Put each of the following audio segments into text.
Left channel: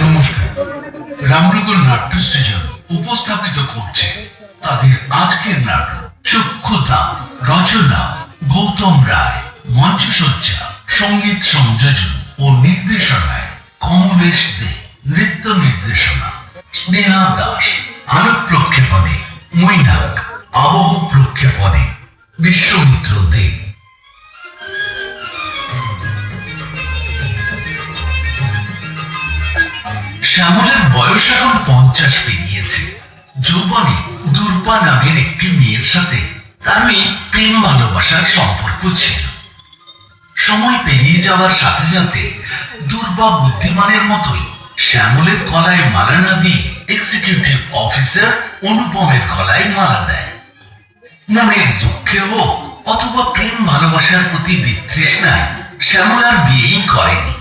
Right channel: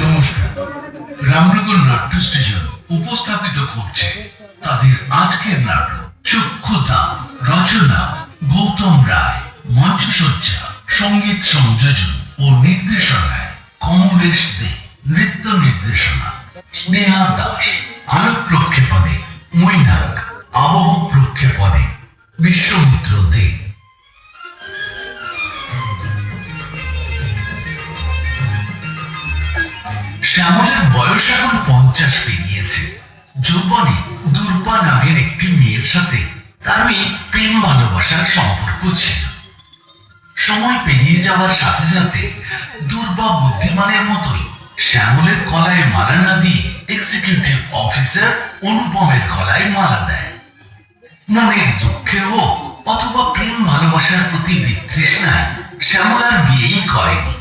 নমস্কার, রামনগর নাট্য সৃজন উপস্থাপিত করছে তাদের আজকের নাটক চক্ষুদান। রচনা গৌতম রায়, মঞ্চসজ্জা, সঙ্গীত সংযোজন ও নির্দেশনায় কমলেশ দে, নৃত্য নির্দেশনা স্নেহা দাস, আলোক প্রক্ষেপণে মৈনাক, আবহ প্রক্ষেপণে বিশ্বমিত্র দে। শ্যামলের বয়স এখন 50 পেরিয়েছে। যৌবনে দুর্বা নামের একটি মেয়ের সাথে তার প্রেম ভালোবাসার সম্পর্ক ছিল। সময় পেরিয়ে যাওয়ার সাথে সাথে দুর্বা বুদ্ধিমানের মতোই শ্যামলের গলায় মালা না দিয়ে এক্সিকিউটিভ অফিসার অনুপমের গলায় মালা দেয়। মনের দুঃখে হোক অথবা প্রেম ভালোবাসার প্রতি বিতৃষ্ণায় শ্যামল আর বিয়েই করেনি।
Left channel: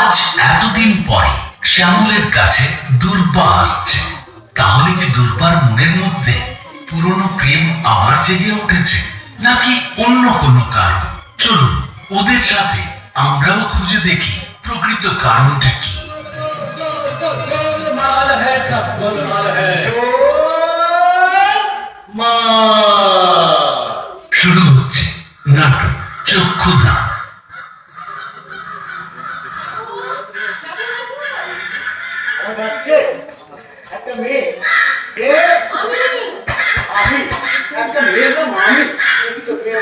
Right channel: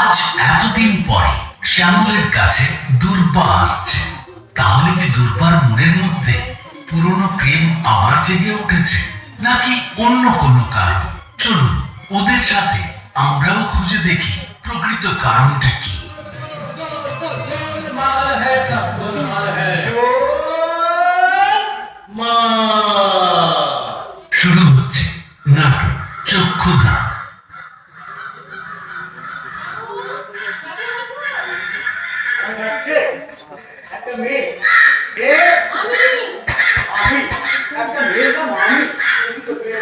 আজ এতদিন পরে শ্যামলের কাছে দুর্বা আসছে। তাহলে কি দুর্বার মনের মধ্যে পুরনো প্রেম আবার জেগে উঠেছে, নাকি অন্য কোনো কারণ? চলুন ওদের সাথে আমরাও খুঁজে দেখি প্রকৃত কারণটা কি। শুরু হচ্ছে নাটক চক্ষুদান। একটা মেয়ে আমি একটা মেয়ে না মামি কিন্তু তুমি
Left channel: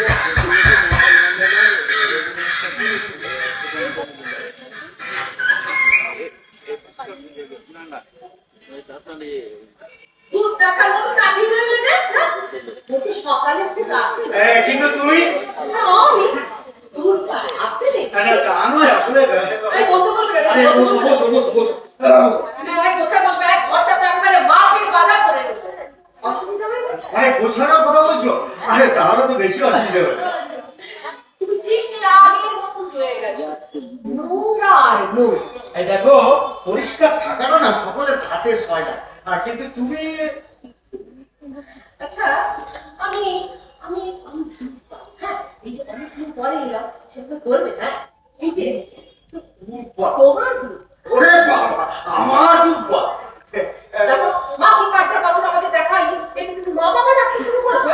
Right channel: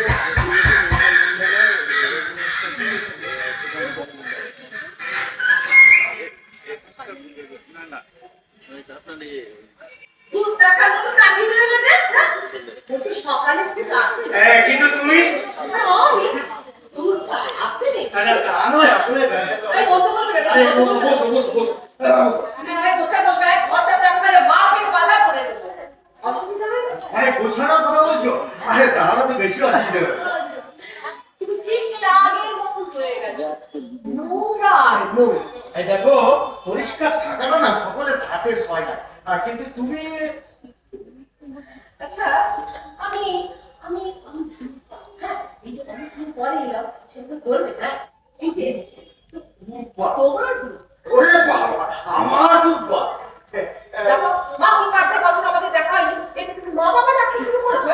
গোছানোর কথা বলছো? আরে তাহলে তো বেশি অসুবিধা হবে। দেখো, পরিষ্কার থাকাটা না সকলের হাতের হয় না, কিন্তু তুমি আচ্ছা আমি আমি হ্যাঁ এই যে অনেকদিন পরে এলাম সেটা করবে না। এই যে তোমার ওরে বাবা, আমার দুর্বা মা কি কাটটা বছর আমাদের দেখা হয়নি, এটা তুমি মা বাবা ডাকতে শুরু করেছো?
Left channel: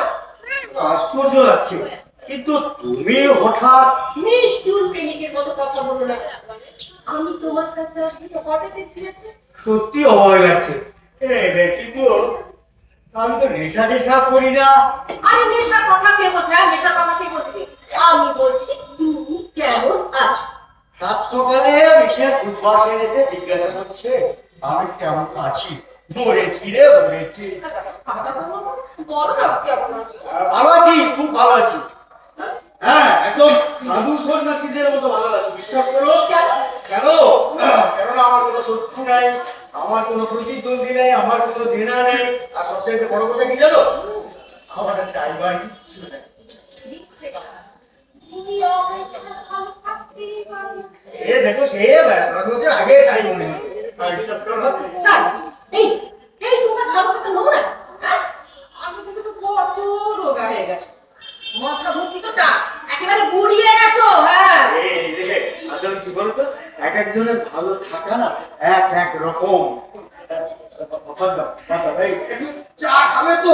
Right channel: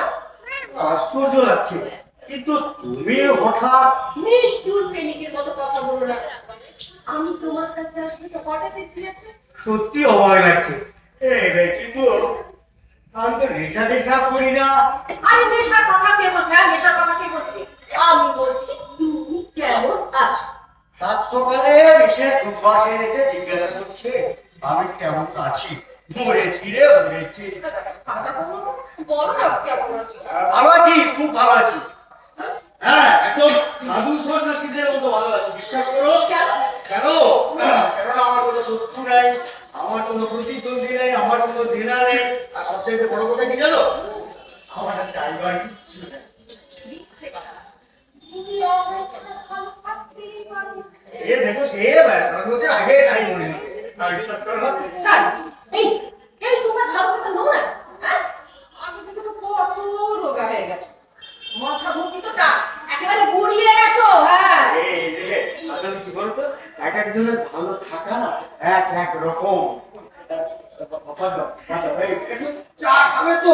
আশ্চর্য লাগছে, কিন্তু তুমি হঠাৎ নিষ্ঠুর প্রেমিকের মতো কথা বলো না। আমি তোমার কাছে আসলে তো কটা দিয়েছে, সত্যি অবাক লাগছে। কিন্তু আমি তো নেশা টেশা করি না। আরে নেশার কথা কে বলছে? নেশার কথা কে বলছে? আমি বলছি তুমি কেমন আছো। সাত সকালে মিশে উদ্বাস এনেছে, জিজ্ঞাসা করছে আমি কেমন আছি। মরেছি রে, মরেছি। ভালো আছি, খুব ভালো আছি। হ্যাঁ, একদম সাধু সন্ন্যাসীদের মতো ভালো আছি, বিশ্বাস করো। কেননা আমার কোনো শত্রু নাই, আমার কোনো প্রতিদ্বন্দ্বী নেই, আমার কোনো দেনা নেই, আর সবচেয়ে বড় কথা কি জানো, আমার চাইবার কিচ্ছু নেই। দেখো, সে 10 বছর আগে তাই মনে হয়, বিশ্বাস করো। এই তোমার হালকা নয়, আমি কিন্তু তো কত রোগা হয়ে গেছে, মাথা মুখি তো একেবারে গুড়িয়ে গেছো। হ্যাঁ আসলে কি বলতো, এক একজনের ভালো থাকা না এক এক রকম। চা খাবে তো?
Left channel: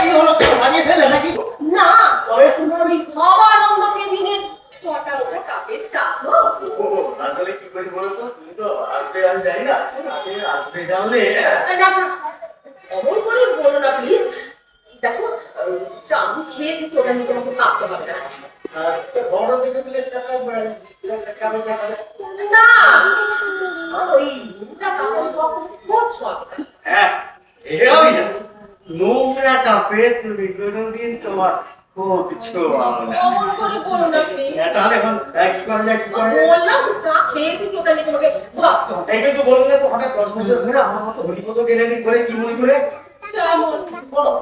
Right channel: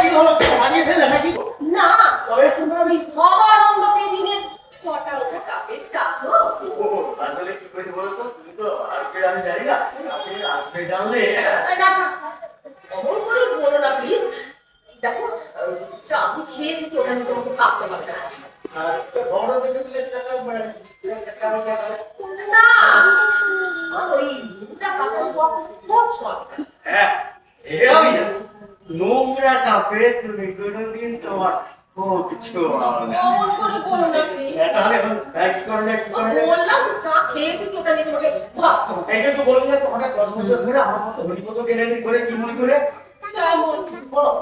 কি হলো, মারিয়ে ফেলে নাকি? না, তবে তোমার ওই খাবার অন্য কেবিনের ছটা ওঠা কাপের চা তো। আসলে কি করে বলতো, তুমি তো আসবে আমি জানি না, আসবে জানলে অমন করে বলো না প্লিজ। দেখো, চা আমি খেয়েছি, ওটা নিয়ে তোমাকে কাঁপতে হবে না। না, ওই নোংরা কাপে তুমি কোনোদিন তোমার কিছু তাহলে এখন কি করা যায়? বললাম চা খেয়ে তুই ওটা নিয়ে তোমাকে ভাবতে হবে। এই কিন্তু বললি না তো, হঠাৎ 10 বছর ধরে আমার মতো হরিপদ গেলেনি করে কি মনে করে বলো।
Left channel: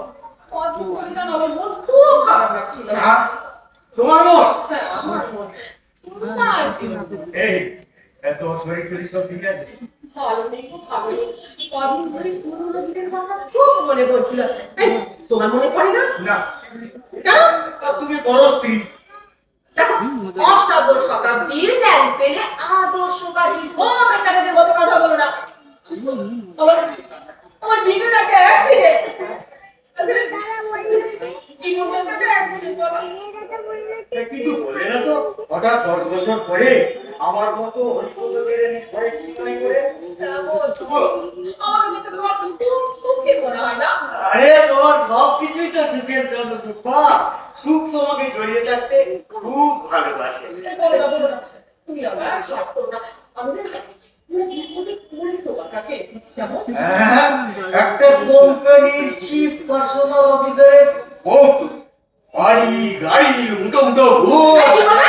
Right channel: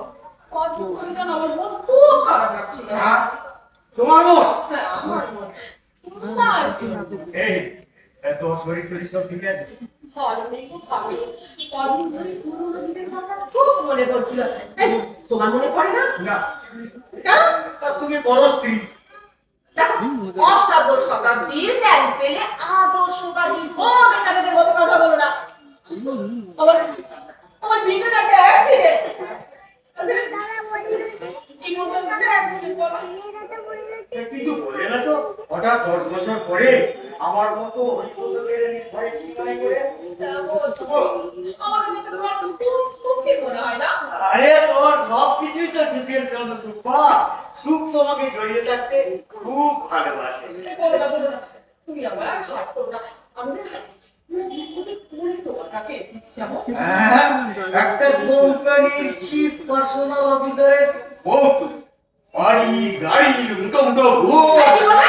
আমার মন খুব খারাপ লাগছিল। তোমার মন? হ্যাঁ, আমার মন। এই তোমার শরীর টরীর সব ঠিক আছে? ভালো নেই গো, ভালো নেই। কদিন ধরে পুরোনো দিনের কথা খুব মনে পড়ছিল। এই, তোমার মনে পড়ে না? না, কেন? তুমি বড় স্ত্রী। দেখো, অষ্টাদশ শতাব্দীর ন্যায় পেলে আদর্শবাদী হোক এখানে মতো কথা বলো না। আমার বিবেক একটা অ্যাক্সিডেন্ট। জীবনের কাছে অ্যাক্সিডেন্ট বলো। কিন্তু বলে না তো, হঠাৎ 10 বছর পরে আমার মতো হরিপদদের ঘরে কি করে? আমাকে দেখতে তোমার খুব সুখী মনে হয় না? আরে তোমার সবকিছুই তো সুখের জন্য, দুঃখা। সুখ তোমাকে জড়িয়ে থাকতে খুব ভালোবাসে। বলো না, বলো না। তুমি আমার হাত করো না। আমি তোমার কাছে এসেছি জানো? হ্যাঁ, একটা কোম্পানির চিফ পার্সোনাল অফিসারের বউ তুমি। বাড়ি গাড়ি উঠো উঠো কি বলে?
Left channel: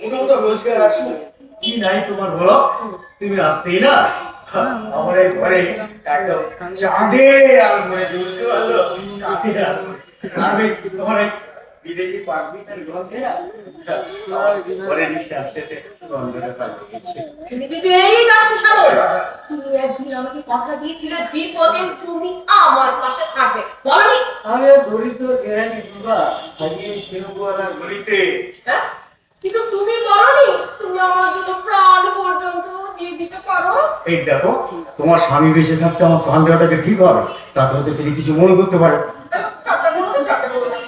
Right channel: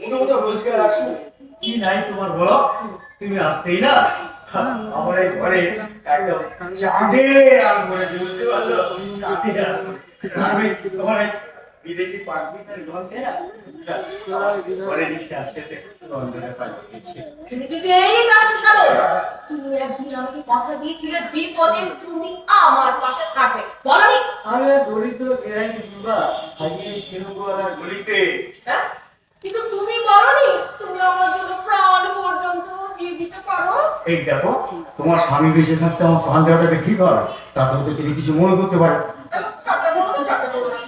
মোটামুটি রোজগার আসুন কি নাই তোমার বলো? তুমি আসতেই না আমার এই ঘরে একদম চাঁদের আলমারি, বুঝতে পারলো? চাঁদের আলমারি। আমি তোমার এই বিদেশি পারমিটের গন্ধে না ঘরে নিঃশ্বাস যেতে গন্ধটা পালিয়ে গেছে। তুমি কিন্তু এড়িয়ে যাচ্ছ সাগর। তুমি একদিন আমাকে কথা দিয়েছিলে বিপদে তুমি আমার পাশে থাকবে, বলনি? আমি দরিদ্র গ্যারান্টি দিবা হারিয়ে কেনুয়ালার গলিতে। হ্যাঁ, কিন্তু তুমি বলনি তুমি আমার জন্য প্রাণ পর্যন্ত দিয়ে দিতে পারো। এই দেখো, তোমার স্বামী বেঁচে থাকতে আমার প্রাণ দেওয়াটাকে ঠিক হবে, তাতে হয়তো তিনি কিছু মনে করতে পারে। ঠাট্টা করো না, ঠাট্টা করো না।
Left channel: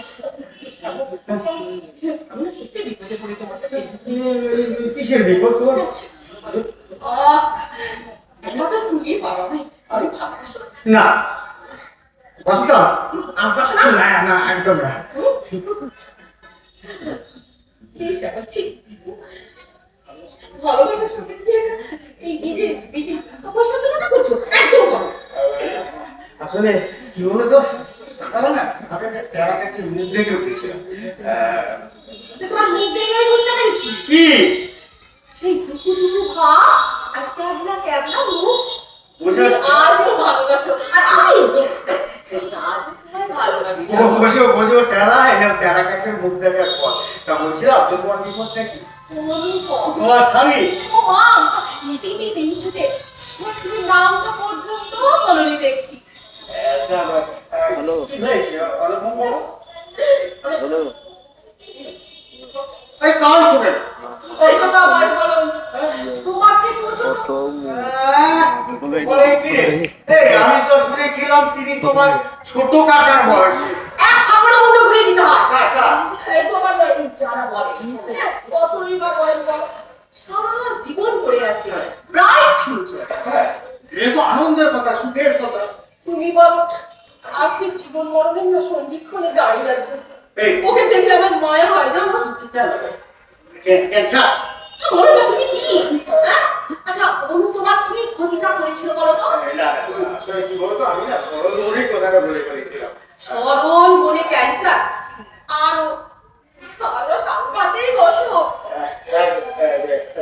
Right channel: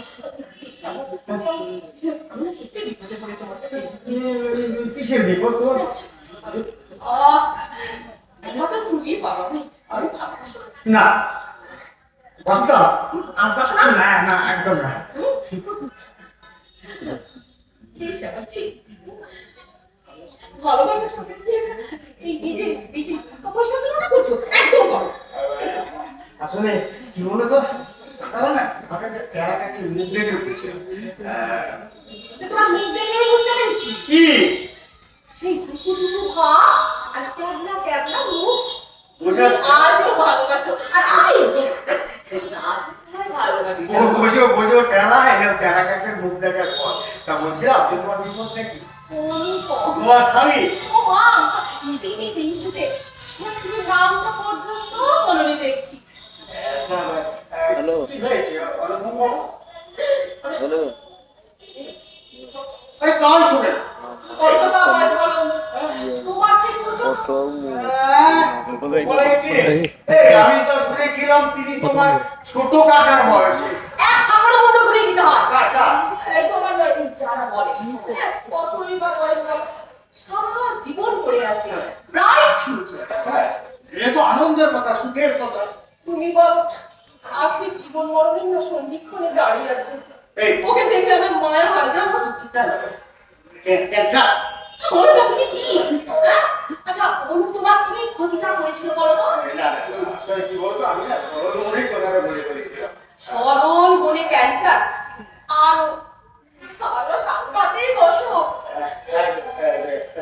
আমি সত্যি বিপদে পড়ে তোমার কাছে এসেছি। কিসের বিপদ তোমার? একমাত্র তুমি পারো। আমি ভাবছি না, বাস্তব আসবাস না। না, না, একদম না। ভালোবাসার সাথে এই যে তোমার সাথে মনে করছো একদম করো। আসলে কি বলতো, তারা না আমাকে তেরাটাকে মুখ দেখে উঠেছিল। তোমার মুখ দেখে বুঝতে পেরেছি কি সেই দুপুর ভাব আর ক্যাবলা ক্যাবলা মুখ বোঝা আজও ভালোবাসো। আর আমি ভালোবাসি। বোঝো বোঝো, টেলা এরকম তেরাটাকে মুখ দেখার পর তা বলছিলাম তোমার বিপদটা কি? তোমার স্বামী নামটা পর্যন্ত বলনি দেখছি। কি হয়েছে? অলমন বাবু? এই কাল চলে না। তোমার ঠিক বুঝো বলে কি রে? এই আমি তো শুনেছিলাম তিনি তোমার ছোট কাকার বয়সী। আমরা মুন্ড ঘুরে দিতে হয়। কাকা তোমার যারা বলে কতই বা বয়স বলো, সারা জীবন পড়ে আছে, ব্রাইট ফিউচার। এ তো আনন্দের কথা, সুখের কথা। তুমি বলো আশির জীবন মরণের না সন্ধিক্ষণে দাঁড়িয়ে আছে। এই ওকে দেখে আমার মায়া হয় জানো। ক্যান্সার মনে তুমি কি আচ্ছা অনু তোমার কি ক্ষতিটা করেছিল বলো তো? আসলে কি বলতো, আমি না সরল মনের কথাটা বলে বলেছিলাম। সরল মনে ক্যান্সার আর আরো সাংঘাতিক অসুখ।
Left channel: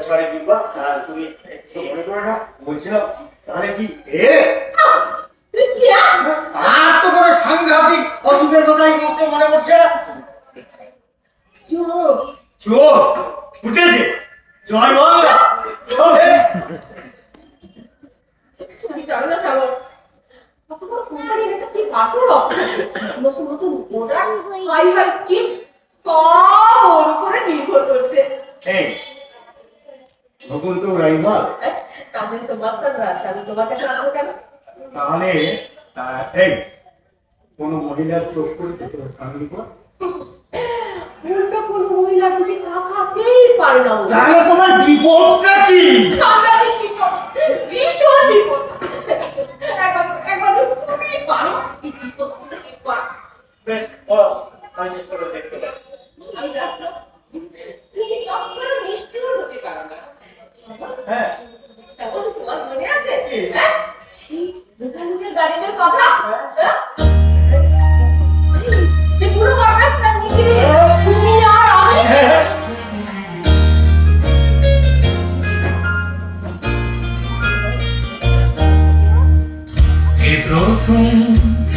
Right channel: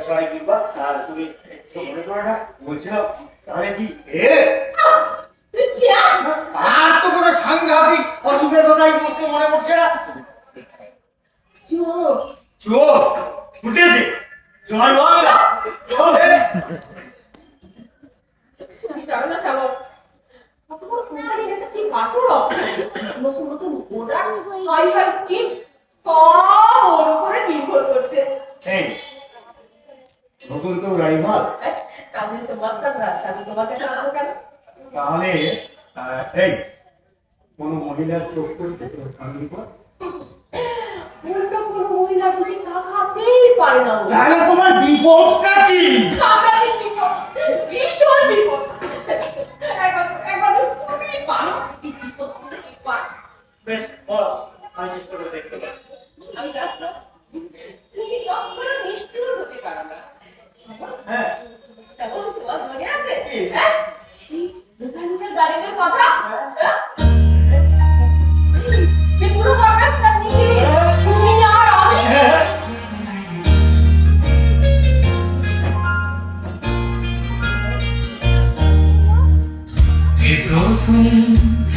সরি দিব্যা, আর তুমি একটু মনে করো না, বলছিলাম তাহলে কি তুমি কি আর তো কোনো সাংঘাতিক অসুখের কথাই বলতে মনে পড়ছে না। চোখ চোখ ফুটেছে, জয় বাংলা। তুমি জানো না সাগর, তোমার কোম্পানির একটা চিপ আসল নতুন নতুন প্রোডাক্ট, হাই হাই স্কিন সব ওর উপরে নির্ভর করছে। এই নতুন তো রাইভাল, কাজে তো মাস্টাররা আছে, আমি তোমার কাছে আসবো কেন? তাহলে এই কোন মহিলার চোখ করতে সঙ্গী কর, উল্টো কোনো মহিলা তুমি তাকাতেই পারে না। তাহলে তোমার বিপদটা কি? সাংঘাতিক চিকন, ভীষণ বিপদ। একবার তুমি পারো এই বিপদ থেকে পার। বেশ বলো, আমি চেষ্টা করে দেখতে পারি। আমি জানতো তুমি কখনো নিষ্ঠুর হতে পারো না। হ্যাঁ, তখন তোমার মনে আছে হ্যাঁ সেই দোকানের গার্ডেনের কথা? হ্যাঁ? যে পুরো বাতাসটা নিচে তুমি আর আমি। এই প্রথম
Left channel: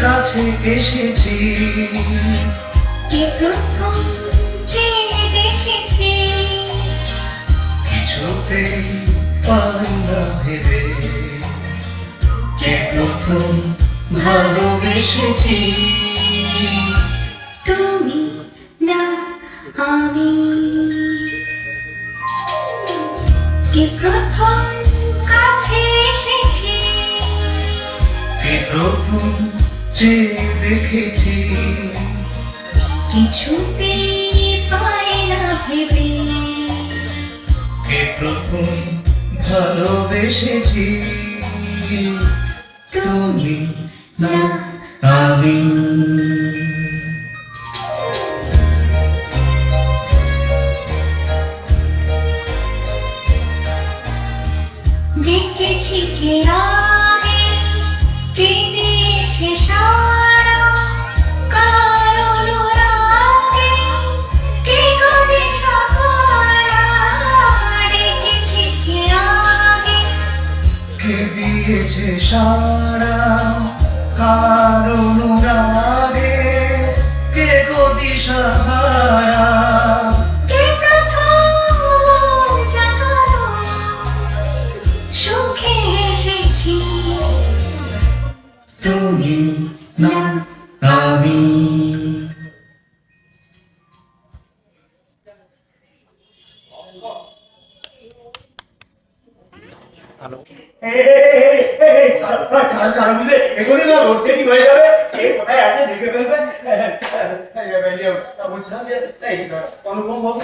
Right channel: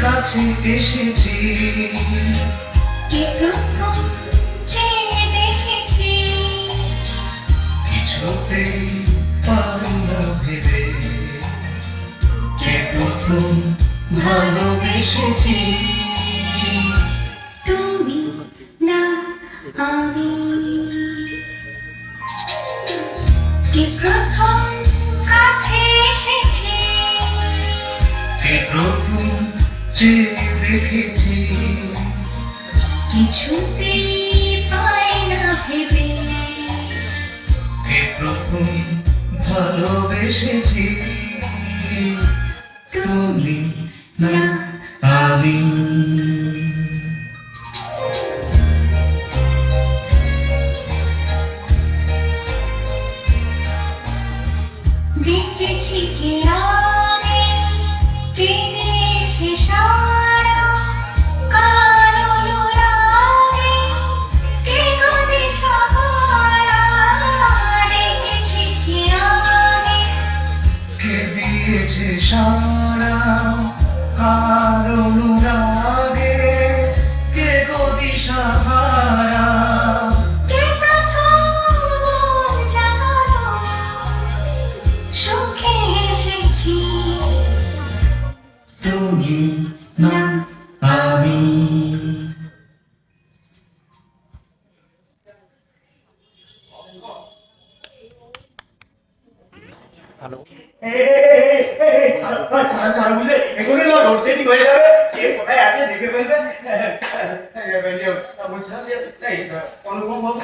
কাছে এসেছি, এই প্রথম যে দেখেছি, কিছুতেই ভালোবেসেছি। তুমি না আমি কে প্রথম কাছে এসেছে কে প্রথম চেয়ে দেখেছি, কিছুতেই পায় না ভেবে কে প্রথম ভালোবেসেছি। তুমি না আমি। দেখেছি কে আগে কে দিয়েছে সারা কারণ রাগে কে গদে সাহারা দেখেছি কে আগে কে দিয়েছে সারা কারণ রাগে কে গদি সাহারা। কে প্রথম জাগালো সুখে এসেছি তুমি না আমি। এখনই না লোডশেডিং হয়ে যাবে, কে কোথায় আছে দেখে ফেলবে। বলছিলাম যে অনুপম বাবু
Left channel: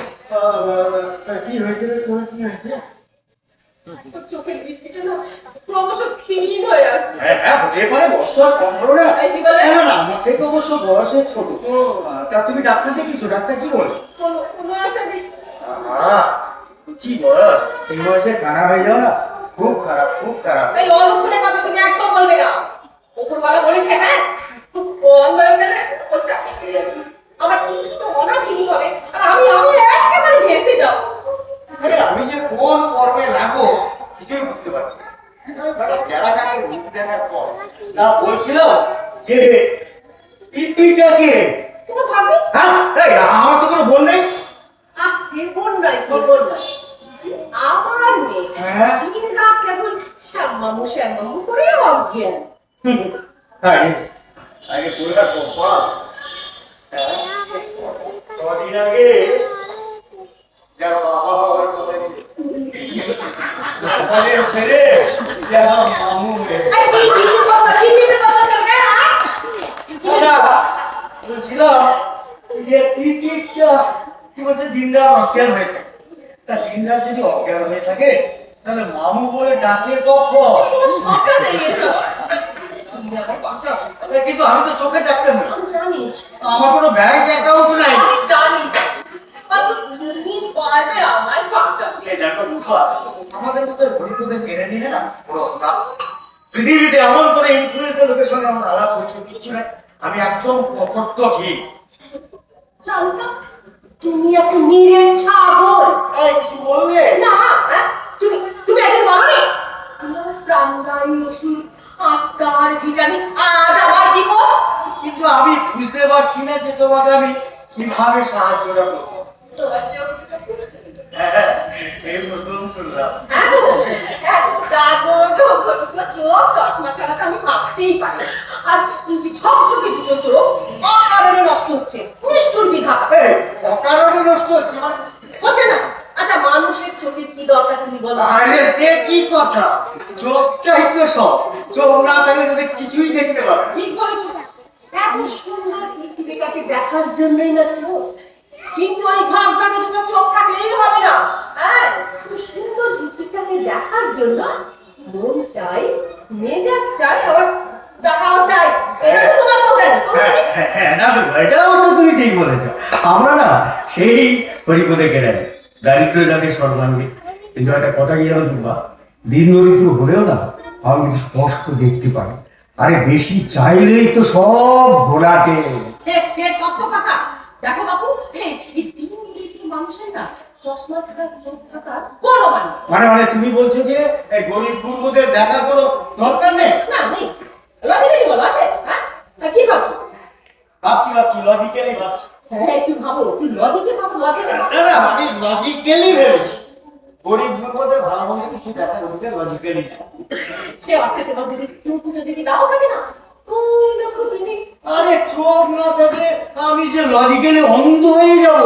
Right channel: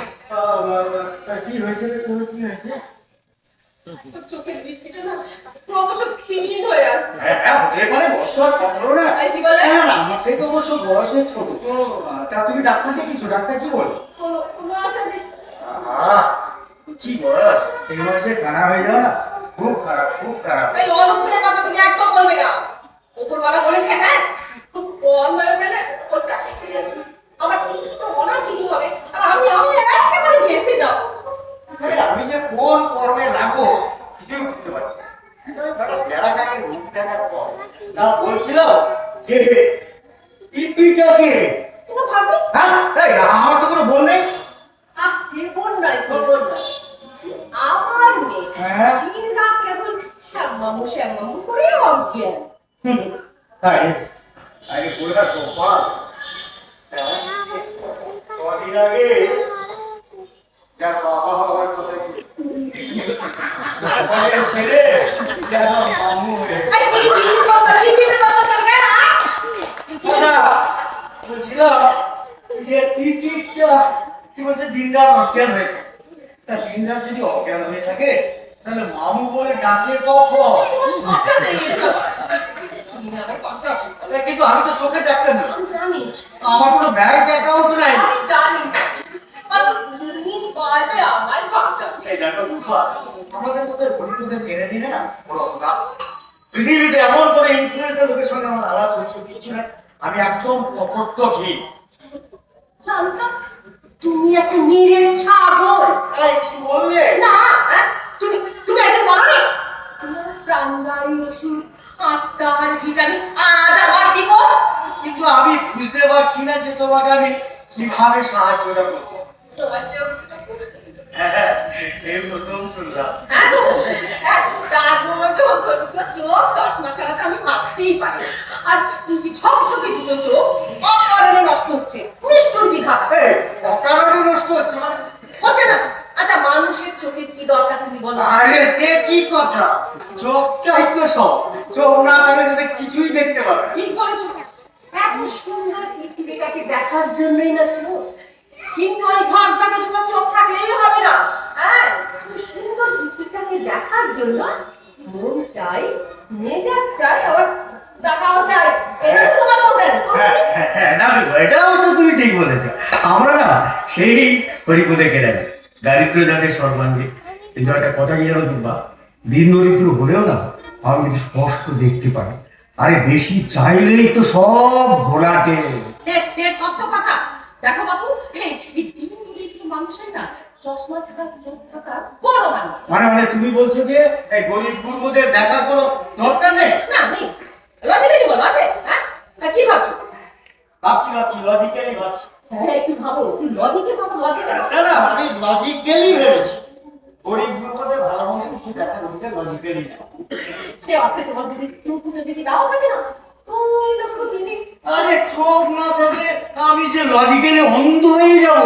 কি হয়েছে, তোমার কি হয়েছে? চোখের দৃষ্টিটা না ক্রমশ ক্ষীণ হয়ে আসছে। এখানে বস্তু আর কম করো না। এই কি বলে? না না, আমাকে তো অবশ্য বয়সে ছোট। তা তুমি ডাক্তার দেখিয়েছো, ডাক্তার কি বলে? কোনো আশা দেখি কি বয়স, এই বয়সে কানা হয়ে যাও না, খুব খারাপ, খুব খারাপ। এই অলক্ষণের কথা তুমি একদম বলবে না। ওপরওয়ালা বলেছে হ্যাঁ বন্ধ হয়ে গেলে ওর চাকরি চলে যাবে। আমার তো অনার ঠিকই হবে আর আমি একেবারে ভেসে যাবো। আরে আমি যে কোন কর্মে লাগো কিছুই বুঝতে পারছি না। দেখা যাকে মুখ দেখার পর তা বলছিল যে ইতিটাকে তোমার ভাবি হ্যাঁ আমার তো কোনো বোন নেই। আর সেবন নয় সেবন নয় আমার মেয়ে হ্যাঁ? দিন রাত কেবল শ্যামামু করে অজ্ঞান। আগে বলে রাখো কদিন আগে যার বাবা হওয়ার কথা ছিল ছেলে যার মামু হয়ে আরে কি কথা চলবে না? বলছিলাম যে টিকিটটা কি বলছে দিন রাত অজ্ঞান হয়ে থাকে। তা দিন রাত যদি অজ্ঞান হয়ে থাকে তাহলে মামু বলে ডাকে কখন? তোমার সবটা দেখে যাবো। তুমি আমার কথা শোনো। কিন্তু আমি তো চোখের ডাক্তার নই, আমি জানি আমার কোনো ব্যাংক অ্যাকাউন্ট নাই। আমি জানি আর তুমি পারবে আমার বাচ্চা। এই দেখো দুপা, আমাদের মতো গরিবদের ছেড়ে দিলে না পুরো কাজ। পৃথিবীতে এমন করে ইনফ্লুয়েন্সের লোকের সঙ্গে আমার আলাপ করছে কিছু নাই, আমি একদম অপত্য ঠিক। জানো না তুমি একটা নিরের ছাগল। এই কিছু বললে না তুমি তুমি একদিন বলনি তোমার প্রাণদায়ী ওষুধ আত্মার ভিটামিন আজ আমার দিব। কিন্তু আমি বুঝতে পারছি না যে তোমাকে আমি কিভাবে সাহায্য করবো। তোমার যে ওষুধটা বলেছে হ্যাঁ, এই প্রথম শুনলাম। চোখ চশমা ছাড়া তো আমি ভাবতেই পারি না। আর ছকছকে দুটো চোখ অকারণে নষ্ট হচ্ছে নিষ্ঠুর বিধাতা। এই অকারণে নষ্ট হচ্ছে মানে? হচ্ছে না? আচ্ছা মানুষের চোখের কি দরকার তুমি বলো? আরে সে কি কথা, চোখটাই তো সব, চোখ না থাকলে যদি কিছুই দেখতে পাবে। ঠিক বলেছো, এত সুন্দর পৃথিবীটাকে দেখার জন্যই না চোখ। কিন্তু ওই ধর্মটাকে তোমার চোখ থাকলেই হবে না। হ্যাঁ এই সুন্দর পৃথিবীটাকে দেখার জন্য মন চাই, মেজাজ চাই, আবার টাকাও চাই। এটা তো তোমার প্রবলেম। না এটা অবশ্য তুমি ঠিক বলেছো। আমরা না সেই হরিপদে কেড়ে দারিদ্র যাকে সর্বাঙ্গে। কিন্তু একটা কথা কি জানো তোমরা, দিন দরিদ্র হলেও না আমি কিন্তু স্পষ্ট দেখতে পাই। আরে বেশি চাইলেই তো সব ঘোলাটে। কত কথা দেখো বাবু, এই তিন মানুষের না চশমা ছাড়া চোখ থাকা বড় মানে তুমি বলছো যে এই গরিব গুরুদের দেখা কোনো দরকার নেই? না নেই। লজিক্যালি বলো আছে? হ্যাঁ কি ভাবছো? ভাবছি লজিক্যালি ভাবছি। হ্যাঁ কি ভাবো? তুই লজিকে ভাবো, লজিকে ভাবো। না আমি লজিক্যালি ভেবেছি। গরিব গুরুদের ভালো মন্দ কিছু দেখার অধিকার লজিক্যালি না। সে অর্থে তোমার যদি চোখ যদি নাও থাকে না ওই দেখো তুমি। আরে চোখ না থাকলে আমি যে লজিক্যালি অন্ধ হয়ে যাব।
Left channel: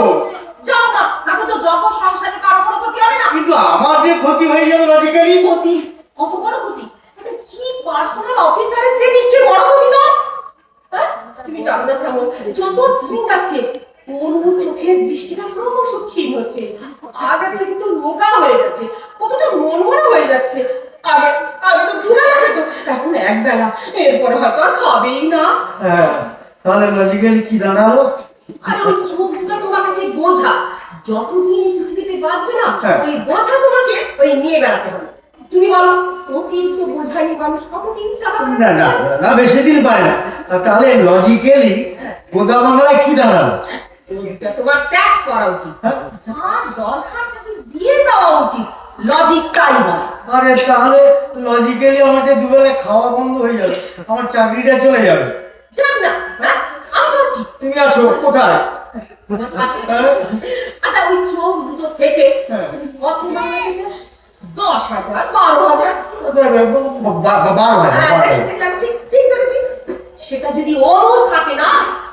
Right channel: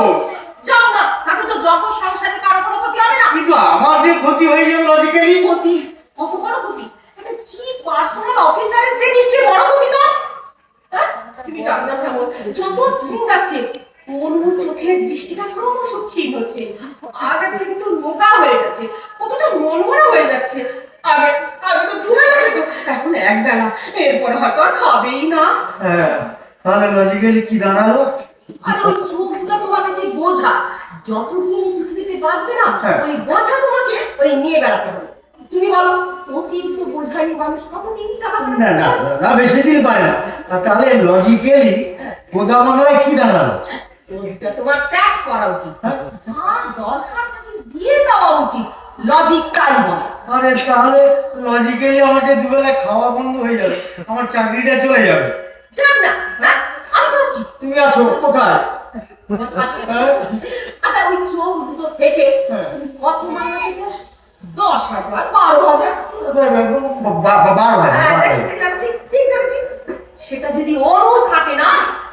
যাও না, তাতে তো জগৎ সংসারে কারো কোনো ক্ষতি হবে না। কিন্তু আমার যে ক্ষতি হয়ে যাবে লজিক্যালি। ক্ষতি? কত বড় ক্ষতি? একটা চিফ পার্সোনাল অফিসারের যে নিশ্চয়ই বড় ক্ষতি নয়। হ্যাঁ? তুমি জানো না শ্যামল, যত দিন যাচ্ছে ওর চোখের দৃষ্টিটা ক্রমশ ক্ষীণ হচ্ছে। আগে থেকে তো মোটা হয়ে যাচ্ছে, কতটা মনমরা হয়ে যাচ্ছে। আগে আগে তো দুবেলা খেত, এখন একবেলা। এরপরে হয়তো আর খাবেই না। হ্যাঁ, তাহলে লজিক্যালি কি দাঁড়ালো? আর ওই চোখটা তোমার কাছে বোঝা, যতদিন এই পৃথিবীতে বাঁচবে না হ্যাঁ। ওই বোঝা তোমাকে ওই নিয়ে বেড়াতে হবে। তুমি বলো, অতিরিক্ত বোঝা নিয়ে মানুষ কতদিন চালাবে? না না না, বেশি দিন পায় না। আর তাহলে লজিক্যালি গোদা বাংলায় কি দাঁড়ালো? ওইটা তোমার ত্যাগ করা উচিত, হ্যাঁ? যার দরকার তাকে দিয়ে দেওয়া উচিত। লজিক তাই বলে। আরে তাহলে লজিক্যালি আমার যে দুবেলা খাওয়া বন্ধ হয়ে যাবে, আমার চাকরিটা চলে যাবে। যাক না, হ্যাঁ? আমি বলছি তুমি আসো কোথায়? তোমার পাশে। হ্যাঁ? আচ্ছা, ওই চোখ দুটো থেকে হ্যাঁ। তুমি কত মাইনে পেয়েছ? 10,000, 12,000? 12,000। হ্যাঁ, দেখলাম, ঠিক ঠিক ধরেছি। সেটা যদি ওর থাকে না,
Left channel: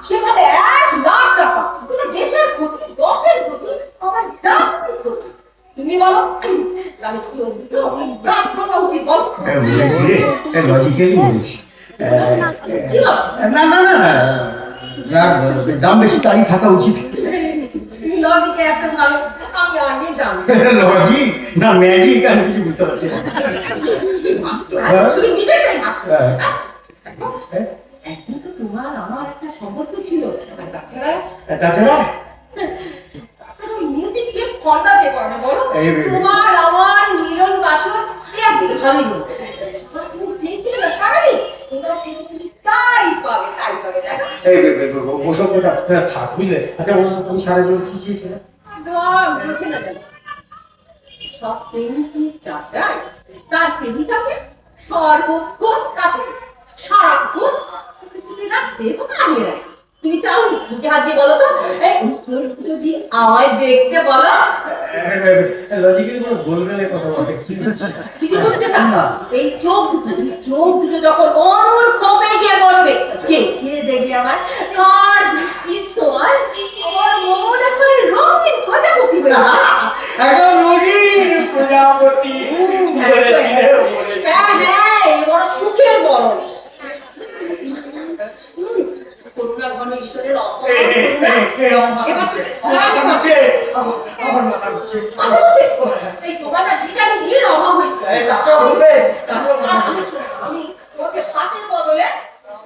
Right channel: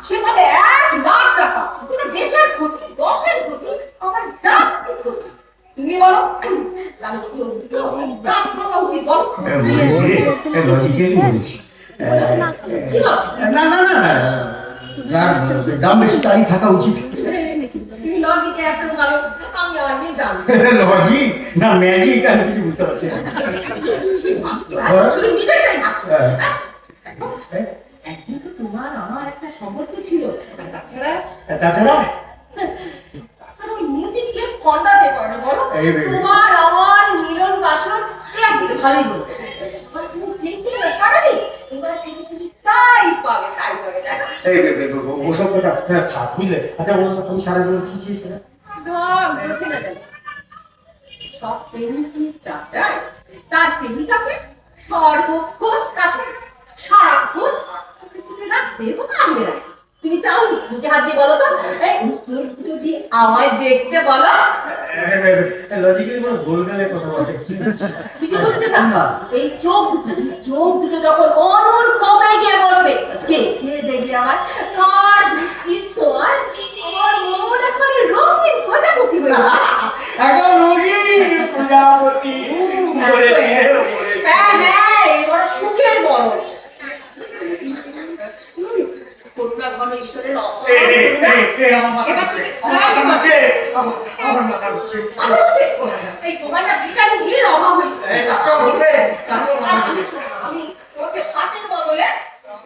সেখানে 1,00,000 টাকা। এটা দেশের ক্ষতি, দশের ক্ষতি, আমার জাতির ক্ষতি। তুমি বলো, তাহলে চোখ দুটো দাঁত ভাঙা উচিত, বল? লজিক্যালি বলছি। কি বল? না না না না, দাম বেশি তারই থাকা উচিত। লজিকে এত ভালো, আমি আগে জানি। লজিক না ম্যাজিক, আমি কিছু বুঝতে পারছি না। শুধু নিজেরটাই ভাবছো। হ্যাঁ। হ্যাঁ? একদিন তো তোমার আমার একটা সম্পর্ক ছিল, আর তাছাড়া তাছাড়া তাছাড়া ওই নিয়তি কে খন্ডাতে পারে না বলো? এই তোমার আমার মিলন বাসন একদিন ভালোই বলবে। তুমি চেয়েছিলে না সারাদিন, তোমার থেকে তুমি তাই পাবে, তাই পাবে, তাই না? এই ওসব কথা থাক বুঝলে। আচ্ছা তুমি সারা জীবন কি চেয়েছিলে? ধর, বলছে না জানি। সব প্রেমিক চা চায়, তার প্রেমিকাকে সর্বক্ষণ কাছে, সারাক্ষণ দেবো কামিয়ে রাখে। তুমি চাও নিজে হাত দিয়ে বলো তো, এই চোখ দুটো দিয়ে আমায় দেখতে বলো। লজিক্যালি কোনো গোলগালে কথা বলে কিছু বুঝতে না? এই চোখ দুটো যখন অনুর কমে গিয়ে বসবে, কে কে দেখবে আমার কার বৃষ্টির ছোঁয়ায় আমার মনে হয় রঙিন প্রজাপতি হয়ে যাবে। একদম রঙিন প্রজাপতি বলেছি রে, বলেছি। হ্যাঁ হ্যাঁ, এবার সুখের বরণ। করুণা ঘন ঈশ্বরের অপরাধ করুণা। আমার মাথা ঘুরছে। এই তোমার না ভিটামিন ডি এর অভাব হয়েছে। আমি ওকে ভাতের বদলে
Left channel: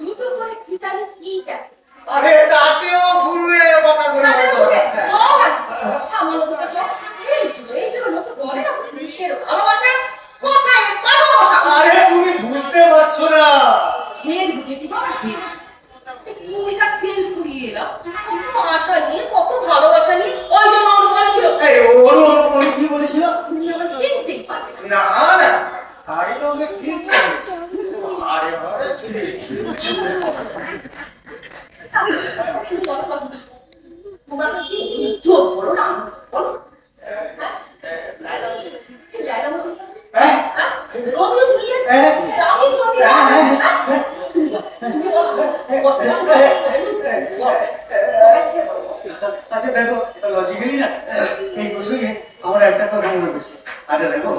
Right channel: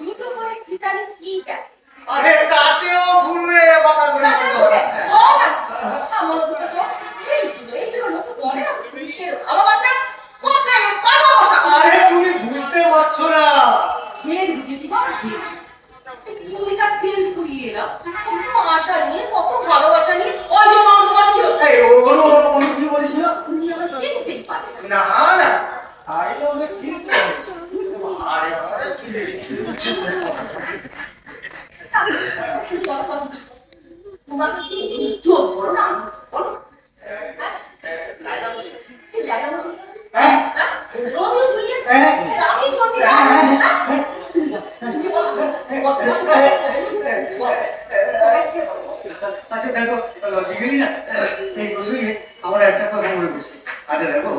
দুটো করে ভিটামিন ই দেয়। আরে তাতেও ঘুরবে মাথা ঘুরে। সামান্য দুটো তো এই জন্য তো বলে না, পুরুষের ভালোবাসা কষায় পাঠা কষা। আরে তুমি বুঝতে পারছো না। মেয়ের বুঝেছি বাবা, ভূমিকা তেল পুড়িয়ে এলাম কত আশা নিয়ে, কত ভালোবাসা নিয়ে। ওই জন্য অনুমান ছিল এই ওর কি বলেছিল? তুমি আমার চিনতেই পারবে না। না না, আরে ওকে ঠিক বলেছে। আরে তোমার কি চোখ বড় না? বলো। লাইলা বলছে। লাইলা বলছে। হ্যাঁ রোমিও জুলিয়েট। হ্যাঁ। Romeo Juliet. তুমি বলো। বসো, বসো। আচ্ছা দেখো, লজিক্যালি না এই প্রসঙ্গে আমার একটা কথা মনে পড়ছে। আচ্ছা দেখো,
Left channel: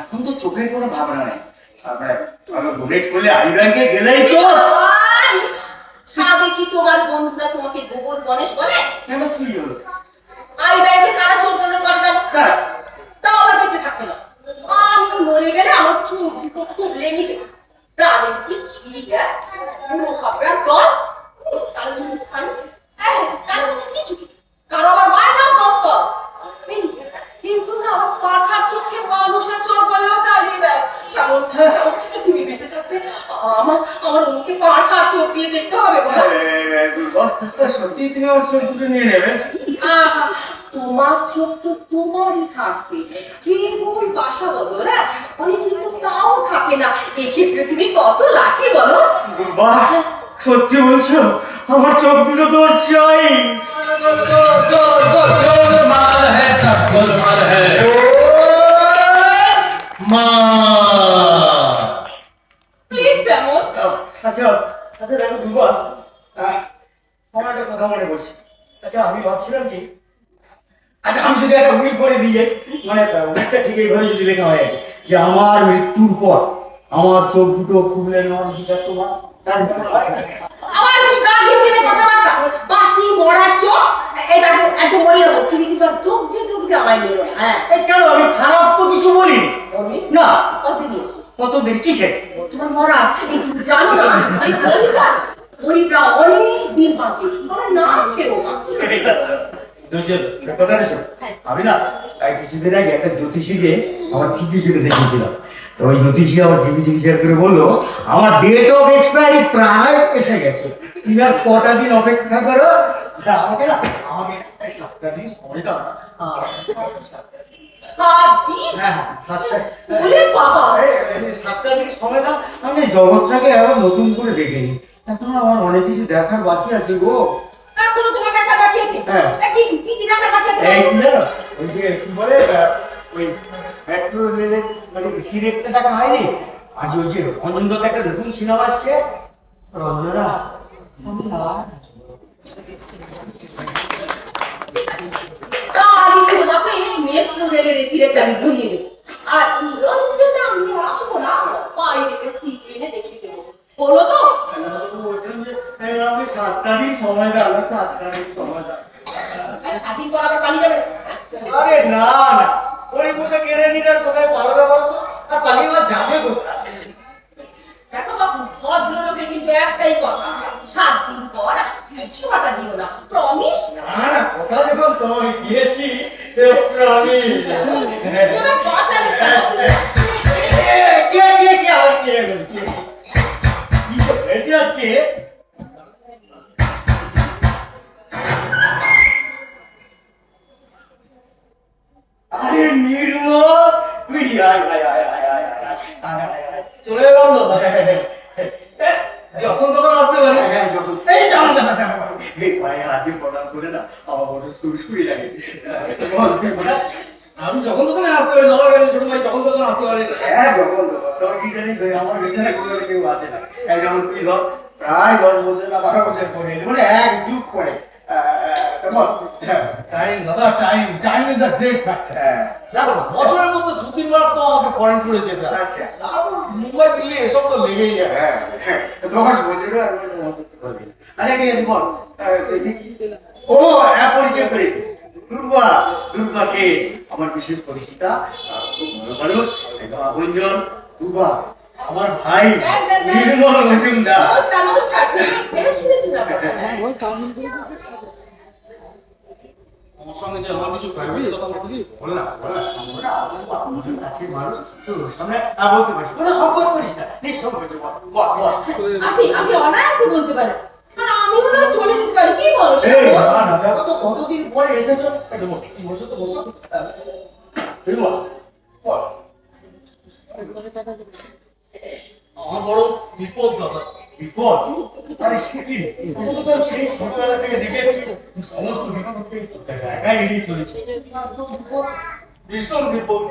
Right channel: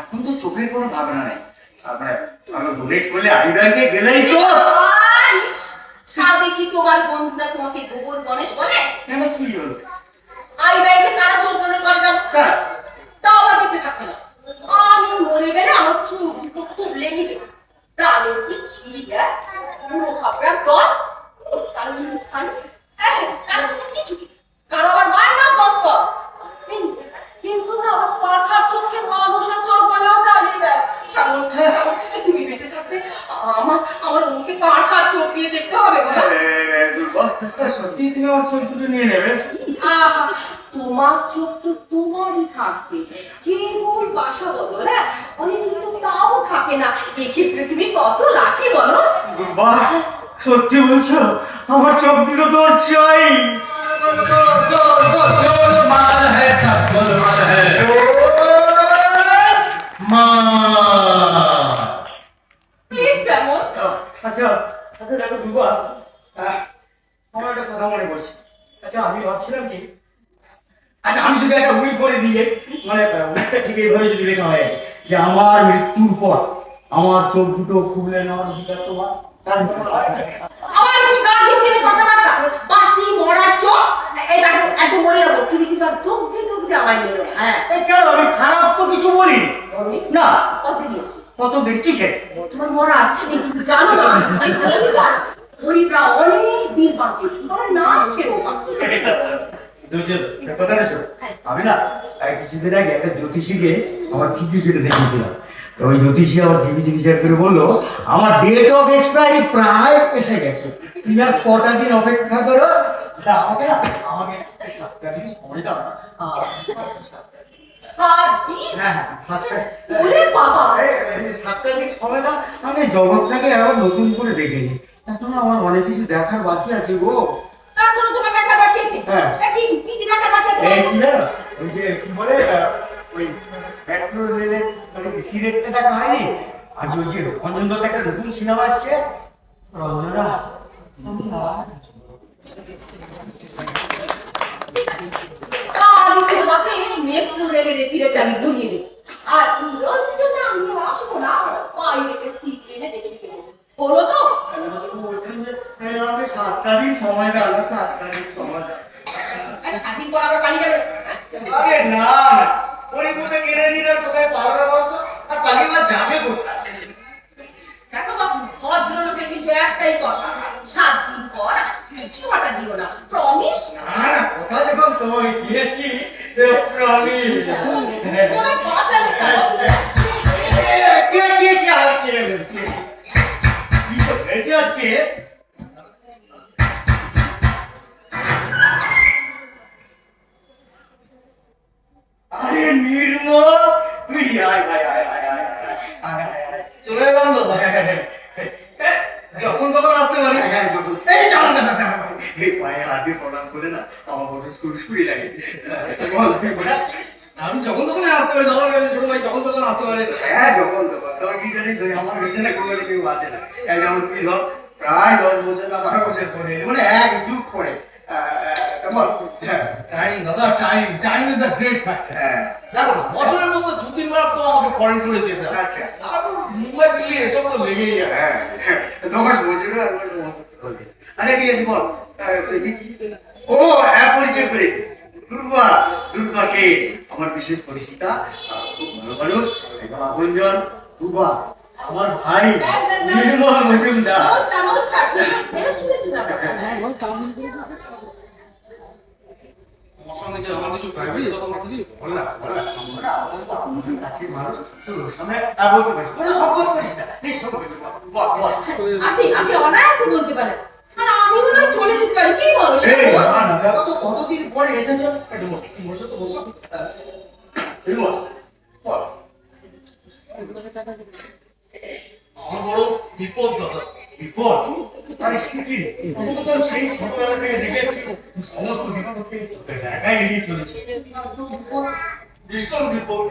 এখন তো চোখের কোনো ভাবনা নেই। আমরা ডোনেট করলে আই ব্যাংকে গেলেই তো। ইস, সাধে কি তোমার বন্ধুরা তোমাকে গোবর গণেশ বলে? কেন কি হলো? আই ব্যাংকে তারা চোখ ডোনেট করে যাবো, হ্যাঁ, তাও আমার বেঁচে থাকবে না। আমি মরে গেলে আমার চোখ দুটো খুবলে নিবে। প্রাণের কি ছিড়িয়া পুরো খাপড়ার দল তার জন্য ছাড়ি। তার জন্য কিছু কি? কারো আবার মাইনাস 10 কর। কিন্তু না, আমার পাঠার চোখে মানুষের চোখ বলেও চালিয়ে দেয়। সামন তুমি বেঁচে থাকতে আমার মুখে পাঠার চোখ দিয়ে দেখতে হবে বলো? দুর্বল, সত্যি তুমি আমার চোখ দুটো নিয়ে নেবে? আহা, তোমার চোখ তো তোমারই থাকবে, কেবল বাসা বদল। হ্যাঁ, অনেক কিন্তু তাও থাকে না। এক্ষেত্রে তুমি কত লাকি বলো? বাহ, সত্যি বলছো? আমার চোখ দুটো তো চাই। মা, প্লিজ এমন আচ্ছা আচ্ছা দেখো দুবার আমার একটা কথা মনে পড়ছে। আচ্ছা আমি ভাবছিলাম কি, আচ্ছা আমি যদি একটা উইল করে দিই, মানে উইলটা ঠিক এইভাবে যদি লেখা হয় যে আমার মৃত্যুর পর আমার চোখ দুটো খুবলে নেওয়ার অধিকার তোমার, তাহলে কেমন হয়? আমার খুব গা ঘিরে কথাবার্তা, বাসি মরার চোখ, এই দেখো একদম মরে যাবো, তুমি কিন্তু চোখ দিয়ে আমায় মেরো। হ্যাঁ এই কেন, আমি খারাপ তো কিছু বলি না। কত দিয়েছি কত দিন কিসে? তোমার মরার, এই তুমি জানো না এই গরিবরা গরিবরা অনেক দিন বাঁচে, তোমার না খেয়েও বাঁচে। আমি না কিছুদিন আগে একটা জ্যোতিষীকে আমার ঠিকই যেটা দেখেছিলাম, তো ওই জ্যোতিষী আমার ঠিকই চিকিৎসা করে বললো আমার ডেট অফ এক্সপায়ারি প্রায় এসে গেছে, তুমি আর কটা দিন অপেক্ষা করো। আমাকে না আমাকে 7টা দিন সময় দাও না। 7 দিন? হ্যাঁ 7টা। ওরে বাবা, 7টা দিন সময় দাও, আমি জগৎটাকে আবার নতুন করে দেখে নিই। এখন আমার অনেক কিছু দেখার বাকি আছে গো। এখনো তোমার টাকা বাকি আছে? হ্যাঁ। কি কি কি টাকা বাকি আছে? এই কি জানো, ওই যে কি বলে ওই মেট্রো রেলের মানে সিরেটটা দেখা হয়নি, আর যে ওই যে রঞ্জন দত্ত একটা নতুন সিনেমা আসছে রঞ্জনা, আমি তোমাকে মেট্রো রেলের রেসিডেন্ট আমি ধরিয়ে দেবো, আর রঞ্জনা আমি আসবো না, বাইরে সিট এনে দেখিয়ে দেবো, বলো তো? আমি 7টা দিন সময় দাও, 7টা দিন সময় দাও। স্বাধীন পর আবার পালিয়ে যাবে? আরে না না, ওই বোধে কেড়ে নিলে কোথায় পালাবে বলো তো, আর পালিয়ে বা যাবে কোথায়? দেখো বাবু, ভদ্রলোকের কিন্তু একটাই কথা, 7 দিন পর কিছু বাটা দিও না, প্রমিস? না না, কথা যখন তোমায় দিয়েছি প্রমিস। তোমার কথা নেই, কে কে কে আর কে কে কি তো হয়েছে আজকে? আরে নির্মল, তুই আয় আয় আয় আয় আয় আয় চলে বন্ধ যখন তখন আসতে পারে। হ্যাঁ যখন এই জানা জানা জানা এই পায়ে হাতে প্রণাম করে না আমার বড় সুরসুরি লাগে। আমি যখন তখন আসতে পারি, দাদা বেড়ে ছোট ভাই যখন তখন আসতে পারে। হ্যাঁ যখন তখন, তবে কি জানিস আমার পেছনে কোনো কেউ আসে না, এই যেমন তুই ধর প্রায় 10 বছর না 12 বছর পরে মানে এক যুগ পরে। টাইম দাদা, time time is a great factor. দেখো না, বছরের মধ্যে 2-3 বার তো আমাকে ফরেন ট্যুরে যেতে হয়। আচ্ছা। তারপর মুম্বাই দিল্লি এসব তো লেগেই আছে। হ্যাঁ 10 বছরও একবার মত করতে। আচ্ছা ঠিক আছে বল, ও পরিচয় করে দুর্বা, দুর্বা শেঠ আমার বিশেষ পরিচিতা, খুব ভালো মানুষ, একদম আপনজন। দুর্বা আমার ভাই নির্মল মজুমদার। নমস্কার নমস্কার, ফেরত শুনেছি না? আমার সঙ্গে যে আমার কিছু প্রাইভেট কথা বলছি, বল না বল না, আমরা আমাদের কাছের মানুষ, তোর সামনে তা বলতে পারিস, কোনো সংকোচ করিস না, নিঃসংকোচে বল বল বল। আপনি অনায়াসে বলতে পারেন, আর আমিও না চলে যেতে পারি, কি বলো? এই না না, দেখো তো কতদিন পরে এসেছো। এই বসো তো বসো। নির্মল বল। আমার বড় বিপদ দাদা। বিপদ? আরে সে কি, তুমি তো সেই ছোটবেলা থেকে দেখে এসেছি সমস্ত বিপদকে একাই এড়িয়ে চলেছি। ভীষণ বিপদ,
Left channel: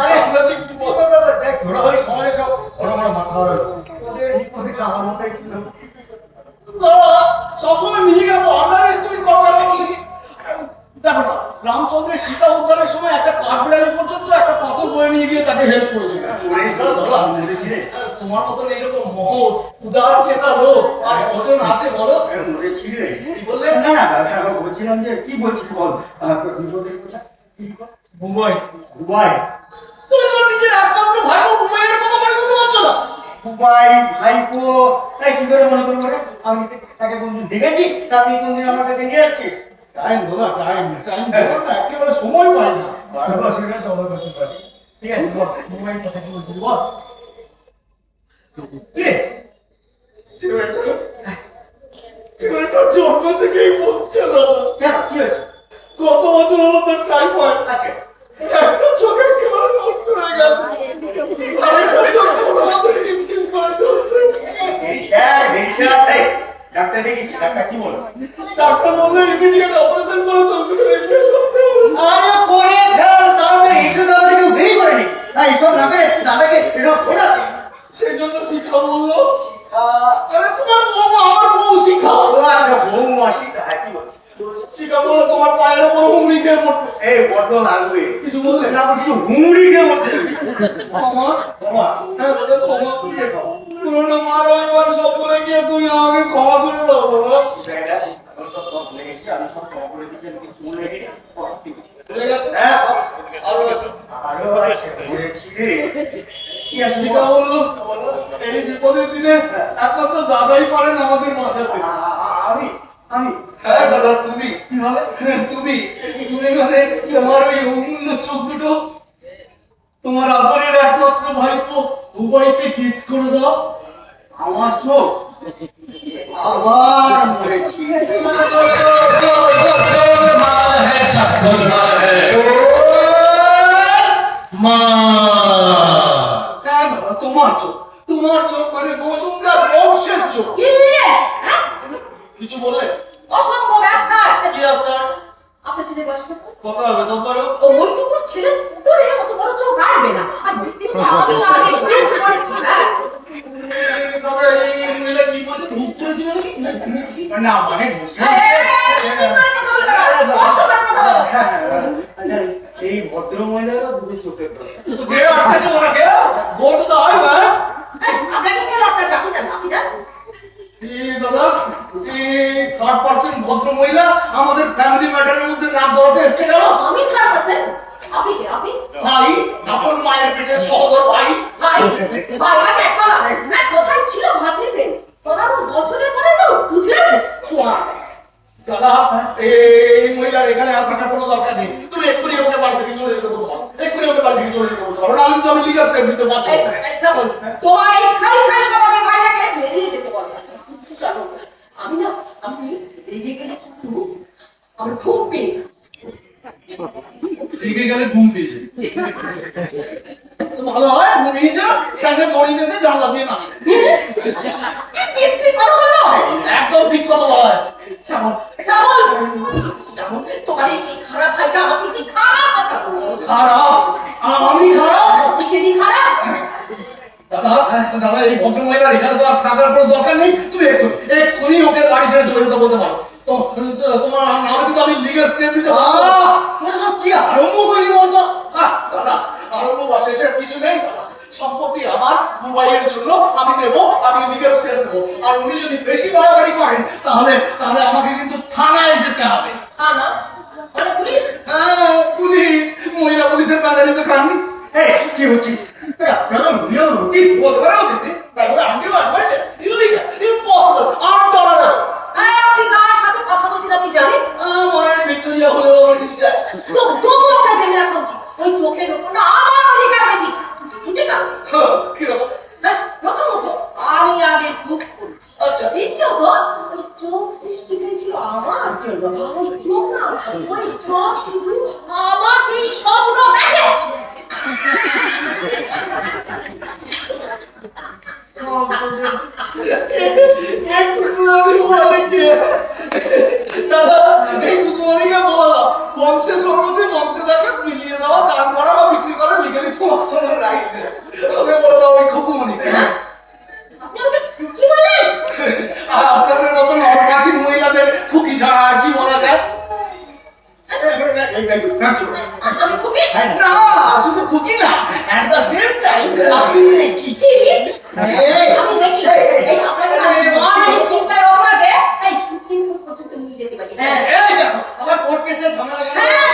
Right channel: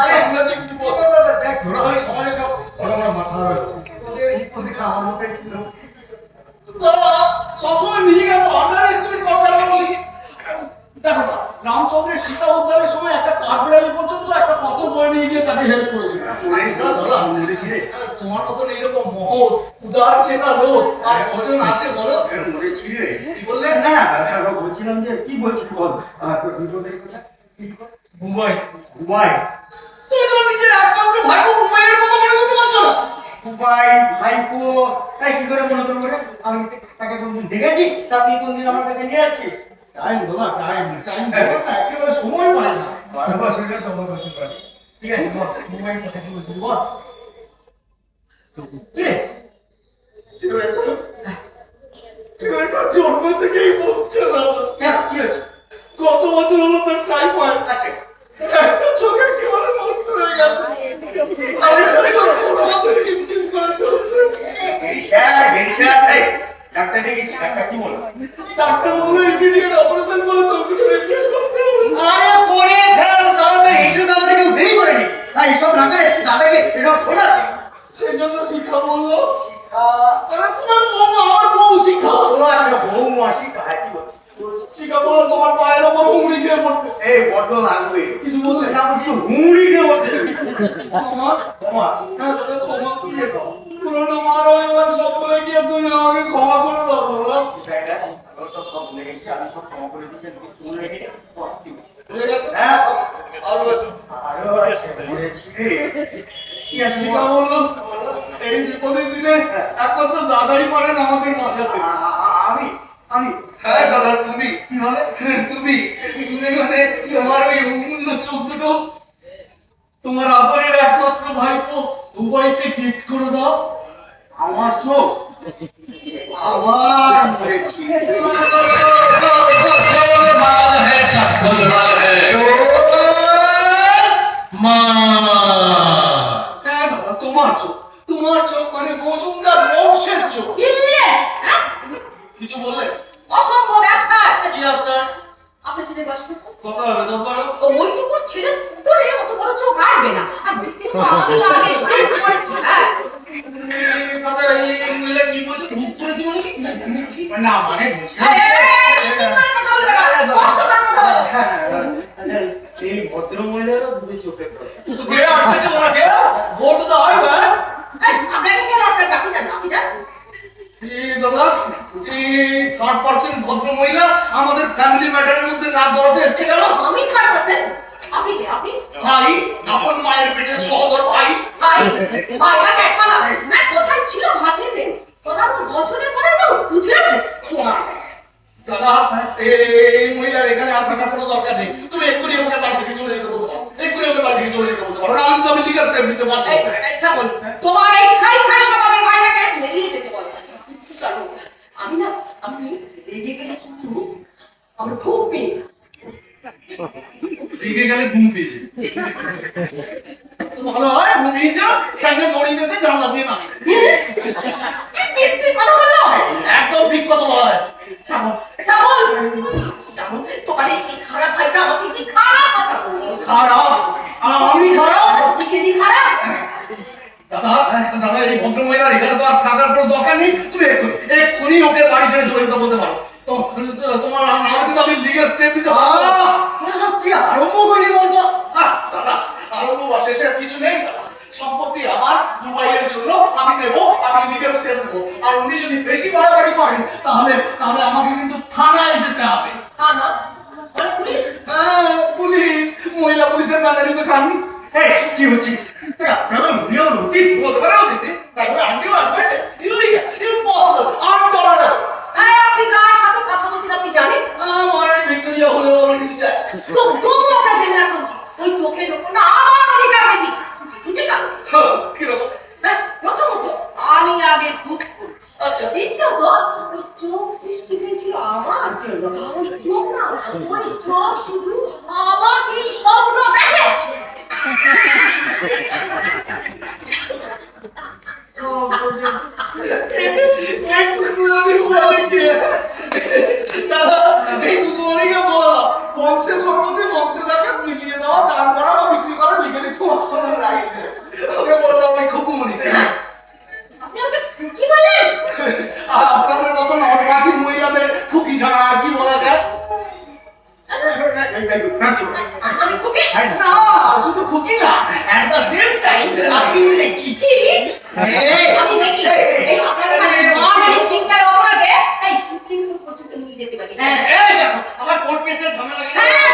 আরে সাংঘাতিক বিপদ। দেখ ঘোরাঘুরি সমাজে সব বড় বড় মাথা হলো, ওদের বিপদে আমার মতোই ছিল। দাদা সবসময় নিজেকে এত আন্ডার এস্টিমেট করার কারণে দেখো না, রামচন্দ্রের সীতা উদ্ধারের সময় একটা কাঠবিড়ালি পর্যন্ত একটা পাথর বয়ে নিয়ে গিয়ে তাকে হেল্প করেছিল। তোমার মতন এইরকম মহৎ উদার চেতা লোক আর কজন আছে বলো? মরেছিলে? কি বললে? না না, বলছিলাম যে কি বলছিস বল, বিপদের কথা কি বল? মুম্বাই। দুবাই? তুমি তোমার নিজের একমাত্র ভাইপো মুম্বাইয়ের কথা মনে করতে পারছো না? দুবাই ভাইপো, তাই কি করে মনে করবো রে? আমি তাকে কোনদিন দেখেছি, তাকে কোনদিন আমার কাছে নিয়ে যাচ্ছিস? টাইম দাদা, টাইম টাইম একেবারে সময় পাই না। 12 বছরের সময় করতে পারি। ঠিক আছে বল, মুম্বাই কথা কি বলছিস বল। কি রে? ছেলেটা জন্ম থেকেই বলছে না। কেন কি হয়েছে? কত বছর হলো তোর টাইফয়েড আছে একটা চোখ একেবারে নষ্ট হয়ে গেছে, আরেকটা চোখ কোনো মতো টিমটিম করে ধরছে। ডাক্তার দেখেছি, ডাক্তার কি বলো? ডাক্তার বললো ইমিডিয়েট অপারেশন করে চোখটা রিপ্লেস করতে হবে। আরে করে ফেল, তাড়াতাড়ি এইসব ব্যাপারে কেউ দেরি করেনি। আর এইসব না করে দাদাকে এসব শোনাতে। সেই জন্য শিখা বললো আরে তোমার বৌমা আমার বউ শিখা। ও আচ্ছা, বৌমা শিখা, কি বলছো? শিখা বলে তোমার পায়ের ওপর হুমড়ি খেয়ে পড়তে। এই বড্ড লাগবে। কিছু বললে না বলছিল হুমড়ি খেয়ে মরতে যাবে। মামা, বৌমা, হ্যাঁ দাদা, ক্ষমা কি যে খাও? পুরোনো মার অভিমান সব বলে গিয়ে তুমি আমাকে ক্ষমা করে দাও দাদা। আমি তো সব ভুলে গেছি, আমি সব ক্ষমা করে দিচ্ছি, আমি কিছু ভুলে গেছি। ভুলে গেছো? হ্যাঁ, আরো আছে। আরো আছে, ভুলেছি রে। কি আছে শিখা বললো এই বিপদের দিনে একমাত্র দাদাই পারেন আমাদের বাঁচাতে। আমি আমি হ্যাঁ দাদা, তুমি কি হবে? তুমি মানে তোমার ওই অমূল্য চোখ দুটো তোমার আদরের একমাত্র ভাইপো উভয়কে গিফট করে দাও। আমার চোখ আবার মরেছি। হ্যাঁ দাদা, তোমার চোখ মানে মজুমদার বংশের চোখ। কিছু বললে? অসম্ভব ব্যাপার। কি আছে? আপনার ছেলে বয়স কত? কত হবে? 10-12? ওই তো ওর ছেলে পরে অত বড় চোখ আসবে না। আর কিন্তু আমাদের আগে করেছি। হ্যাঁ, দাদা, এই মহিলা কি বলছে? ধূপ করেছি মানে কি? না মানে বলছি, এই ভদ্র মহিলারও দুটো চোখের দরকার। কে আটকেছে ওনাকে? Go to the highway. আপনাকে কেন আপনার চাকরি দেন? আপনি যান। এই দাদা, এই থার্ড পার্সন ভদ্র মহিলা আমাদের ফ্যামিলি ম্যাটারের মধ্যে নাক গলাতে এসছে কেন? আমি খারাপ আছেন? আপনি কে? আপনি ভাই, আপন মায়ের পেটের সহোদর ভাই। ভাই, ভাই না একমালা না কোথায় ছিল ভাবলি নেই। তোরা তো বছরের পরে তো উঠলে শোয়া। দাদা, এই মহিলার এখানে আর থাকার কোনো দরকার নেই। তুমি এক্ষুনি ওকে বাড়ি থেকে চলে যেতে বলতে পারো। এক্ষুনি ওকে বাড়ি থেকে চলে যেতে বলতে পারো। না হলে তো আমি লিগাল স্টেপ নিতে পারবো। শ্রাবণ, তোমার এই খাই খাই স্বভাবের ভাইটাকে বেরিয়ে যেতে বল। আমি না, আমি রেগে গেলে কিন্তু আমার খুব পেয়েছি। রেগে গেলে ঘুম পেয়েছে। ভালো হয় ঘুমিয়ে যা, ফ্যানে দড়ি বেঁধে জানলা দিয়ে নামে। কি মিষ্টি কথা বললো? একদম ঠিক কথা বলা আছে। শ্রাবণ, শ্রাবণ, শ্রাবণ, তোমার এই খারাপ ভাইটা আমাকে কি খারাপ কথা বললো? খারাপ? আমি খারাপ? কি কি খারাপ? দাদা, দাদা, এই ভদ্র মহিলার এখানে তো আর থাকার কোনো দরকার নেই। তুমি এক্ষুনি ওকে বাড়ি ছেড়ে চলে যেতে বলতে পারো। তোমার আমার কিন্তু আমি লিগাল স্টেপ নিতে পারবো। সব কি আরম্ভ করলি বলতো? দাদা, আরম্ভ বা শেষের কিছু নেই দাদা। সম্পত্তি আমার দুবাইয়ের জন্য আমি নেবো, আমি লিগাল স্টেপ নেবো। আর উনি যদি বেশি বাড়াবাড়ি করেন তাহলে আমাকে কিন্তু থানায় যেতে হবে। থানা? মানে পুলিশ? হ্যাঁ, পুলিশ। মহিলা পুলিশের প্যানেলে তো খান। এই কি হচ্ছে? আপনারা মহিলার অতীত বলতে পারো দিদি, তারপরে আন্টিও আসবে। Illegal, impossible, intolerable. আপনি কার সাথে কথা বলছেন আপনি জানেন? আমার ভিক্টোরিয়া হলো নিশ্চয়। তো তবু আমরা জেনে রাখা উচিত ওই চোখের উপর না আমার অধিকার বেশি। ঠিক আছে? কিরকম? প্রথমত আমি আগে খুব করছি। আচ্ছা। দ্বিতীয়ত ওই চোখ সৃষ্টি হয়েছিল আমার জন্য। ওই চোখ না, ওই চোখ শুধু আমাকেই স্বপ্ন দেখে। দাদা, এই কুকুমারিকে বলা বংশের সম্পত্তি বংশে থাকবে, মিলিয়ে দেওয়া, দান করা বা বিক্রি করা লিগালি তোমার কোনো রাইট নেই। ওকে বলে দাও ওই কুকুমারিকে। আপনি আমাকে কি বললেন? আর আপনাদের মতন অর্বাচীন মহিলাদের খুকি ছাড়া আর কি বলা যায়? আমি খুবই না, শুধু খুকি না, at the same time আপনি কি? আমি দেখি এই আপনার মানে চিন্তার অপরাধে এই সুপ্রিম কোর্ট পর্যন্ত নিয়ে যেতে পারি। এই দেখো, আমার কোর্ট কেসের ঝামেলা লাগে। হ্যাঁ,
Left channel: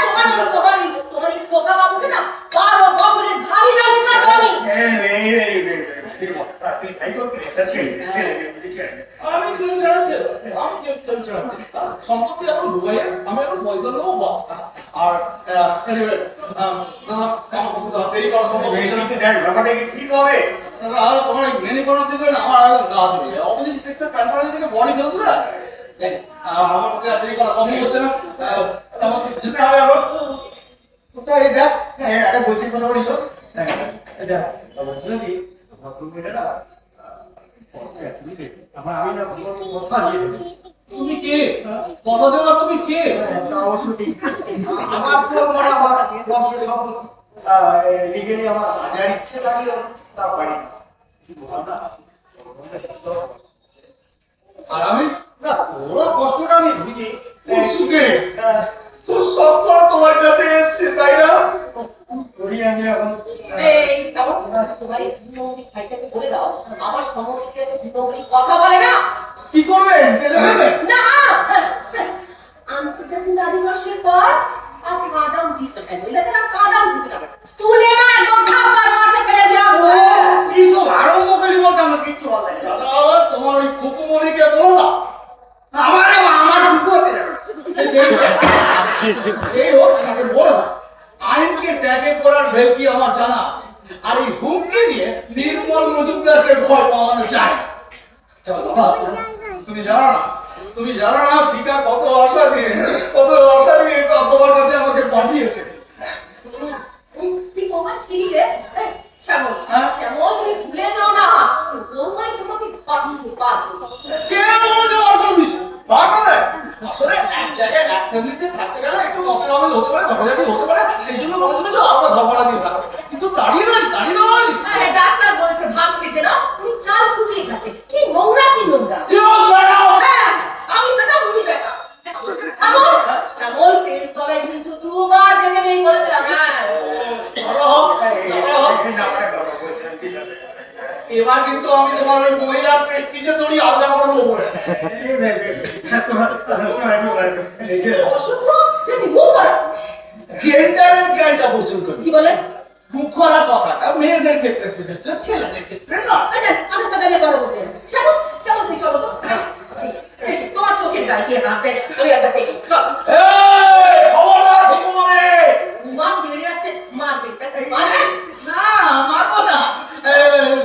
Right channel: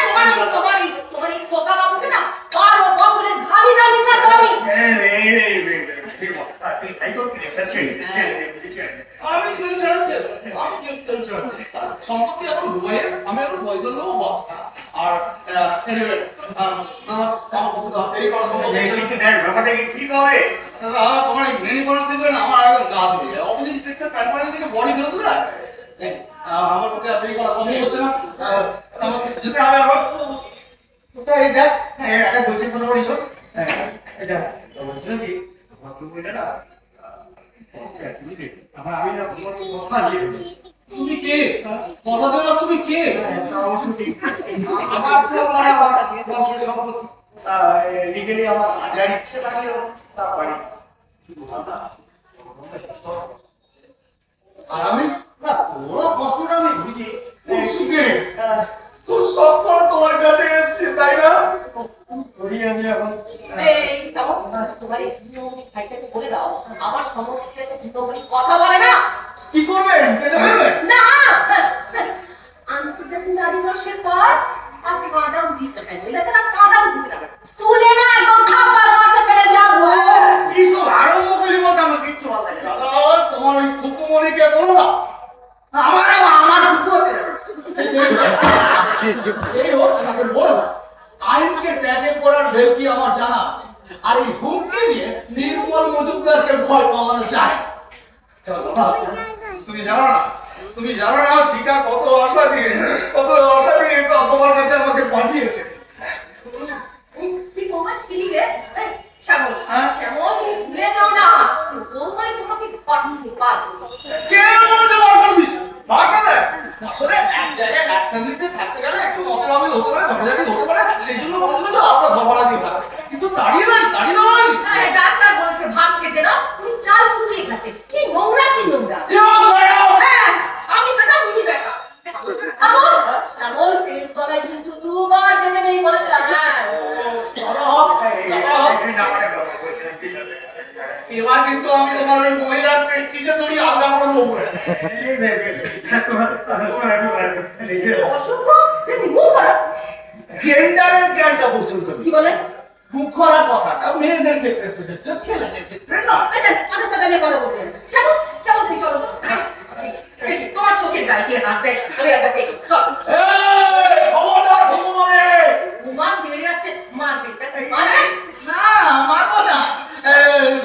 তোমার এই খোকা বাবুকে না 12 বছরের ঘাড়ি টানিয়ে ছাড়বো আমি। আমি কেন ছাড়াতে? আমি কেন ছাড়াতে? সম্পত্তি এখন দুবাইয়ে, আমি এখন পয়সার লোক বস। আর anyway, আমার দেরি করা সম্ভব হচ্ছে না। কি করে? তোমার এই মেনে করার দিবে না, আমার এখন গা ধরে অপোজিট সেক্সের প্যানপানি থেকে বডি ফেরত দেয়। আমার পক্ষে আর দেরি করা সম্ভব হচ্ছে না। আমাকে যেতে হবে আবার। কোথায় দেখ একটা বলছি কোনো বলিস এটা বলছিল কি ভদ্রমহিলাটা আমার আমি না কথা দিয়ে তুমি কে? কথা দেওয়ার তুমি কে? অবশ্য ঠিক আমার তো মানে আমার বংশের সম্পত্তি লিগেলি আমার হাজার ইচ্ছে লাগলেও তা পারি না। আর আমি না তোরা কষ্টটা আমি বুঝি সুখে তোর সব করে তোমার কাছে এসছে তাই না? করি আমি এখন এই শ্রাবণ, তোমার এই বিমুখী ভাইটাকে বলে দাও আমার সম্মুখে একটা বিমুখী কথা বলে না। কি করবেন? কেটে দেবেন? না, আন্তর্জাতিক নারী দিবসের পর আর কাদাম জিতে না, মহিলাদের আর কাদাম জিতে না, তুলে না একদম থাপ্পড় মারতে ফেলে দেওয়া। কি সব আরো মোকালি বলতে আমার কিচ্ছু ভালো লাগে না। দাদা তোমার ওই কুকুমণিকে বলো না আমার টুকু হতে যাবে এই হোক তাকে বলো না আইনকে ট্যাগে পড়ার ভেলকি আমার জানা আছে আর এই হুমকি দিয়ে নির্মল মজুমদারকে ভয় পাওয়ানো যায় না। চলো বাবা, তুমি জানো না শিকা কত আশা দিয়ে তোমার কাছে আমাকে পাঠিয়েছে। তুই তোমার চিনি রে শ্যামল, শ্যামল তুমি ভুলে যাও না বৌমাই তোমাকে পাঠিয়ে পারবে। কেন বলতে বার করে দিস? বার করে দেয়। আসলে এক জায়গায় এক ফ্যামিলিতে থাকতে গেলে একটু মতের অমিল হতে পারে, ঝগড়াঝাটি হতে পারে, সেই জন্য বলেছিল যে আলাদা ঘর ভাড়া দিয়ে থাকবে। কিন্তু দাঁড়িয়ে দেওয়া হয়নি। আরে ডাক্তার বলেছে ভাত খেতে না, তুমি চাল ফুটিয়ে খাচ্ছে, কি নোংরা কি নোংরা। হ্যাঁ, আমি সেটা বুঝি দেখা। শ্যামল, শ্যামল তেল তলায় কিন্তু দুবার যেতে নেই বলে দিলাম। হ্যাঁ এবার কিন্তু আমি তোমার ওই মহিলার প্রেস্টিজে তোরই আলাদা করে দেবো। অসভ্য, সে মুখ খারাপ। জেন্ডারের জ্ঞানটা পর্যন্ত কি বলে? মুখ করা কথাটা মেয়েদের ক্ষেত্রে প্রযোজ্য, ছেলেদের ক্ষেত্রে না। আচ্ছা, আমার সাথে আমি কথা বলতে চাই। শ্যামল, শ্যামল তুমি চলো তো। এই, তোমার চোখের গায়ে কে হাত দেয় আমি একবার দেখি। চল। খবরদার ভগবানে ঘুমান বেরিয়ে আসছে, মারবে মারবে। না মারবো না,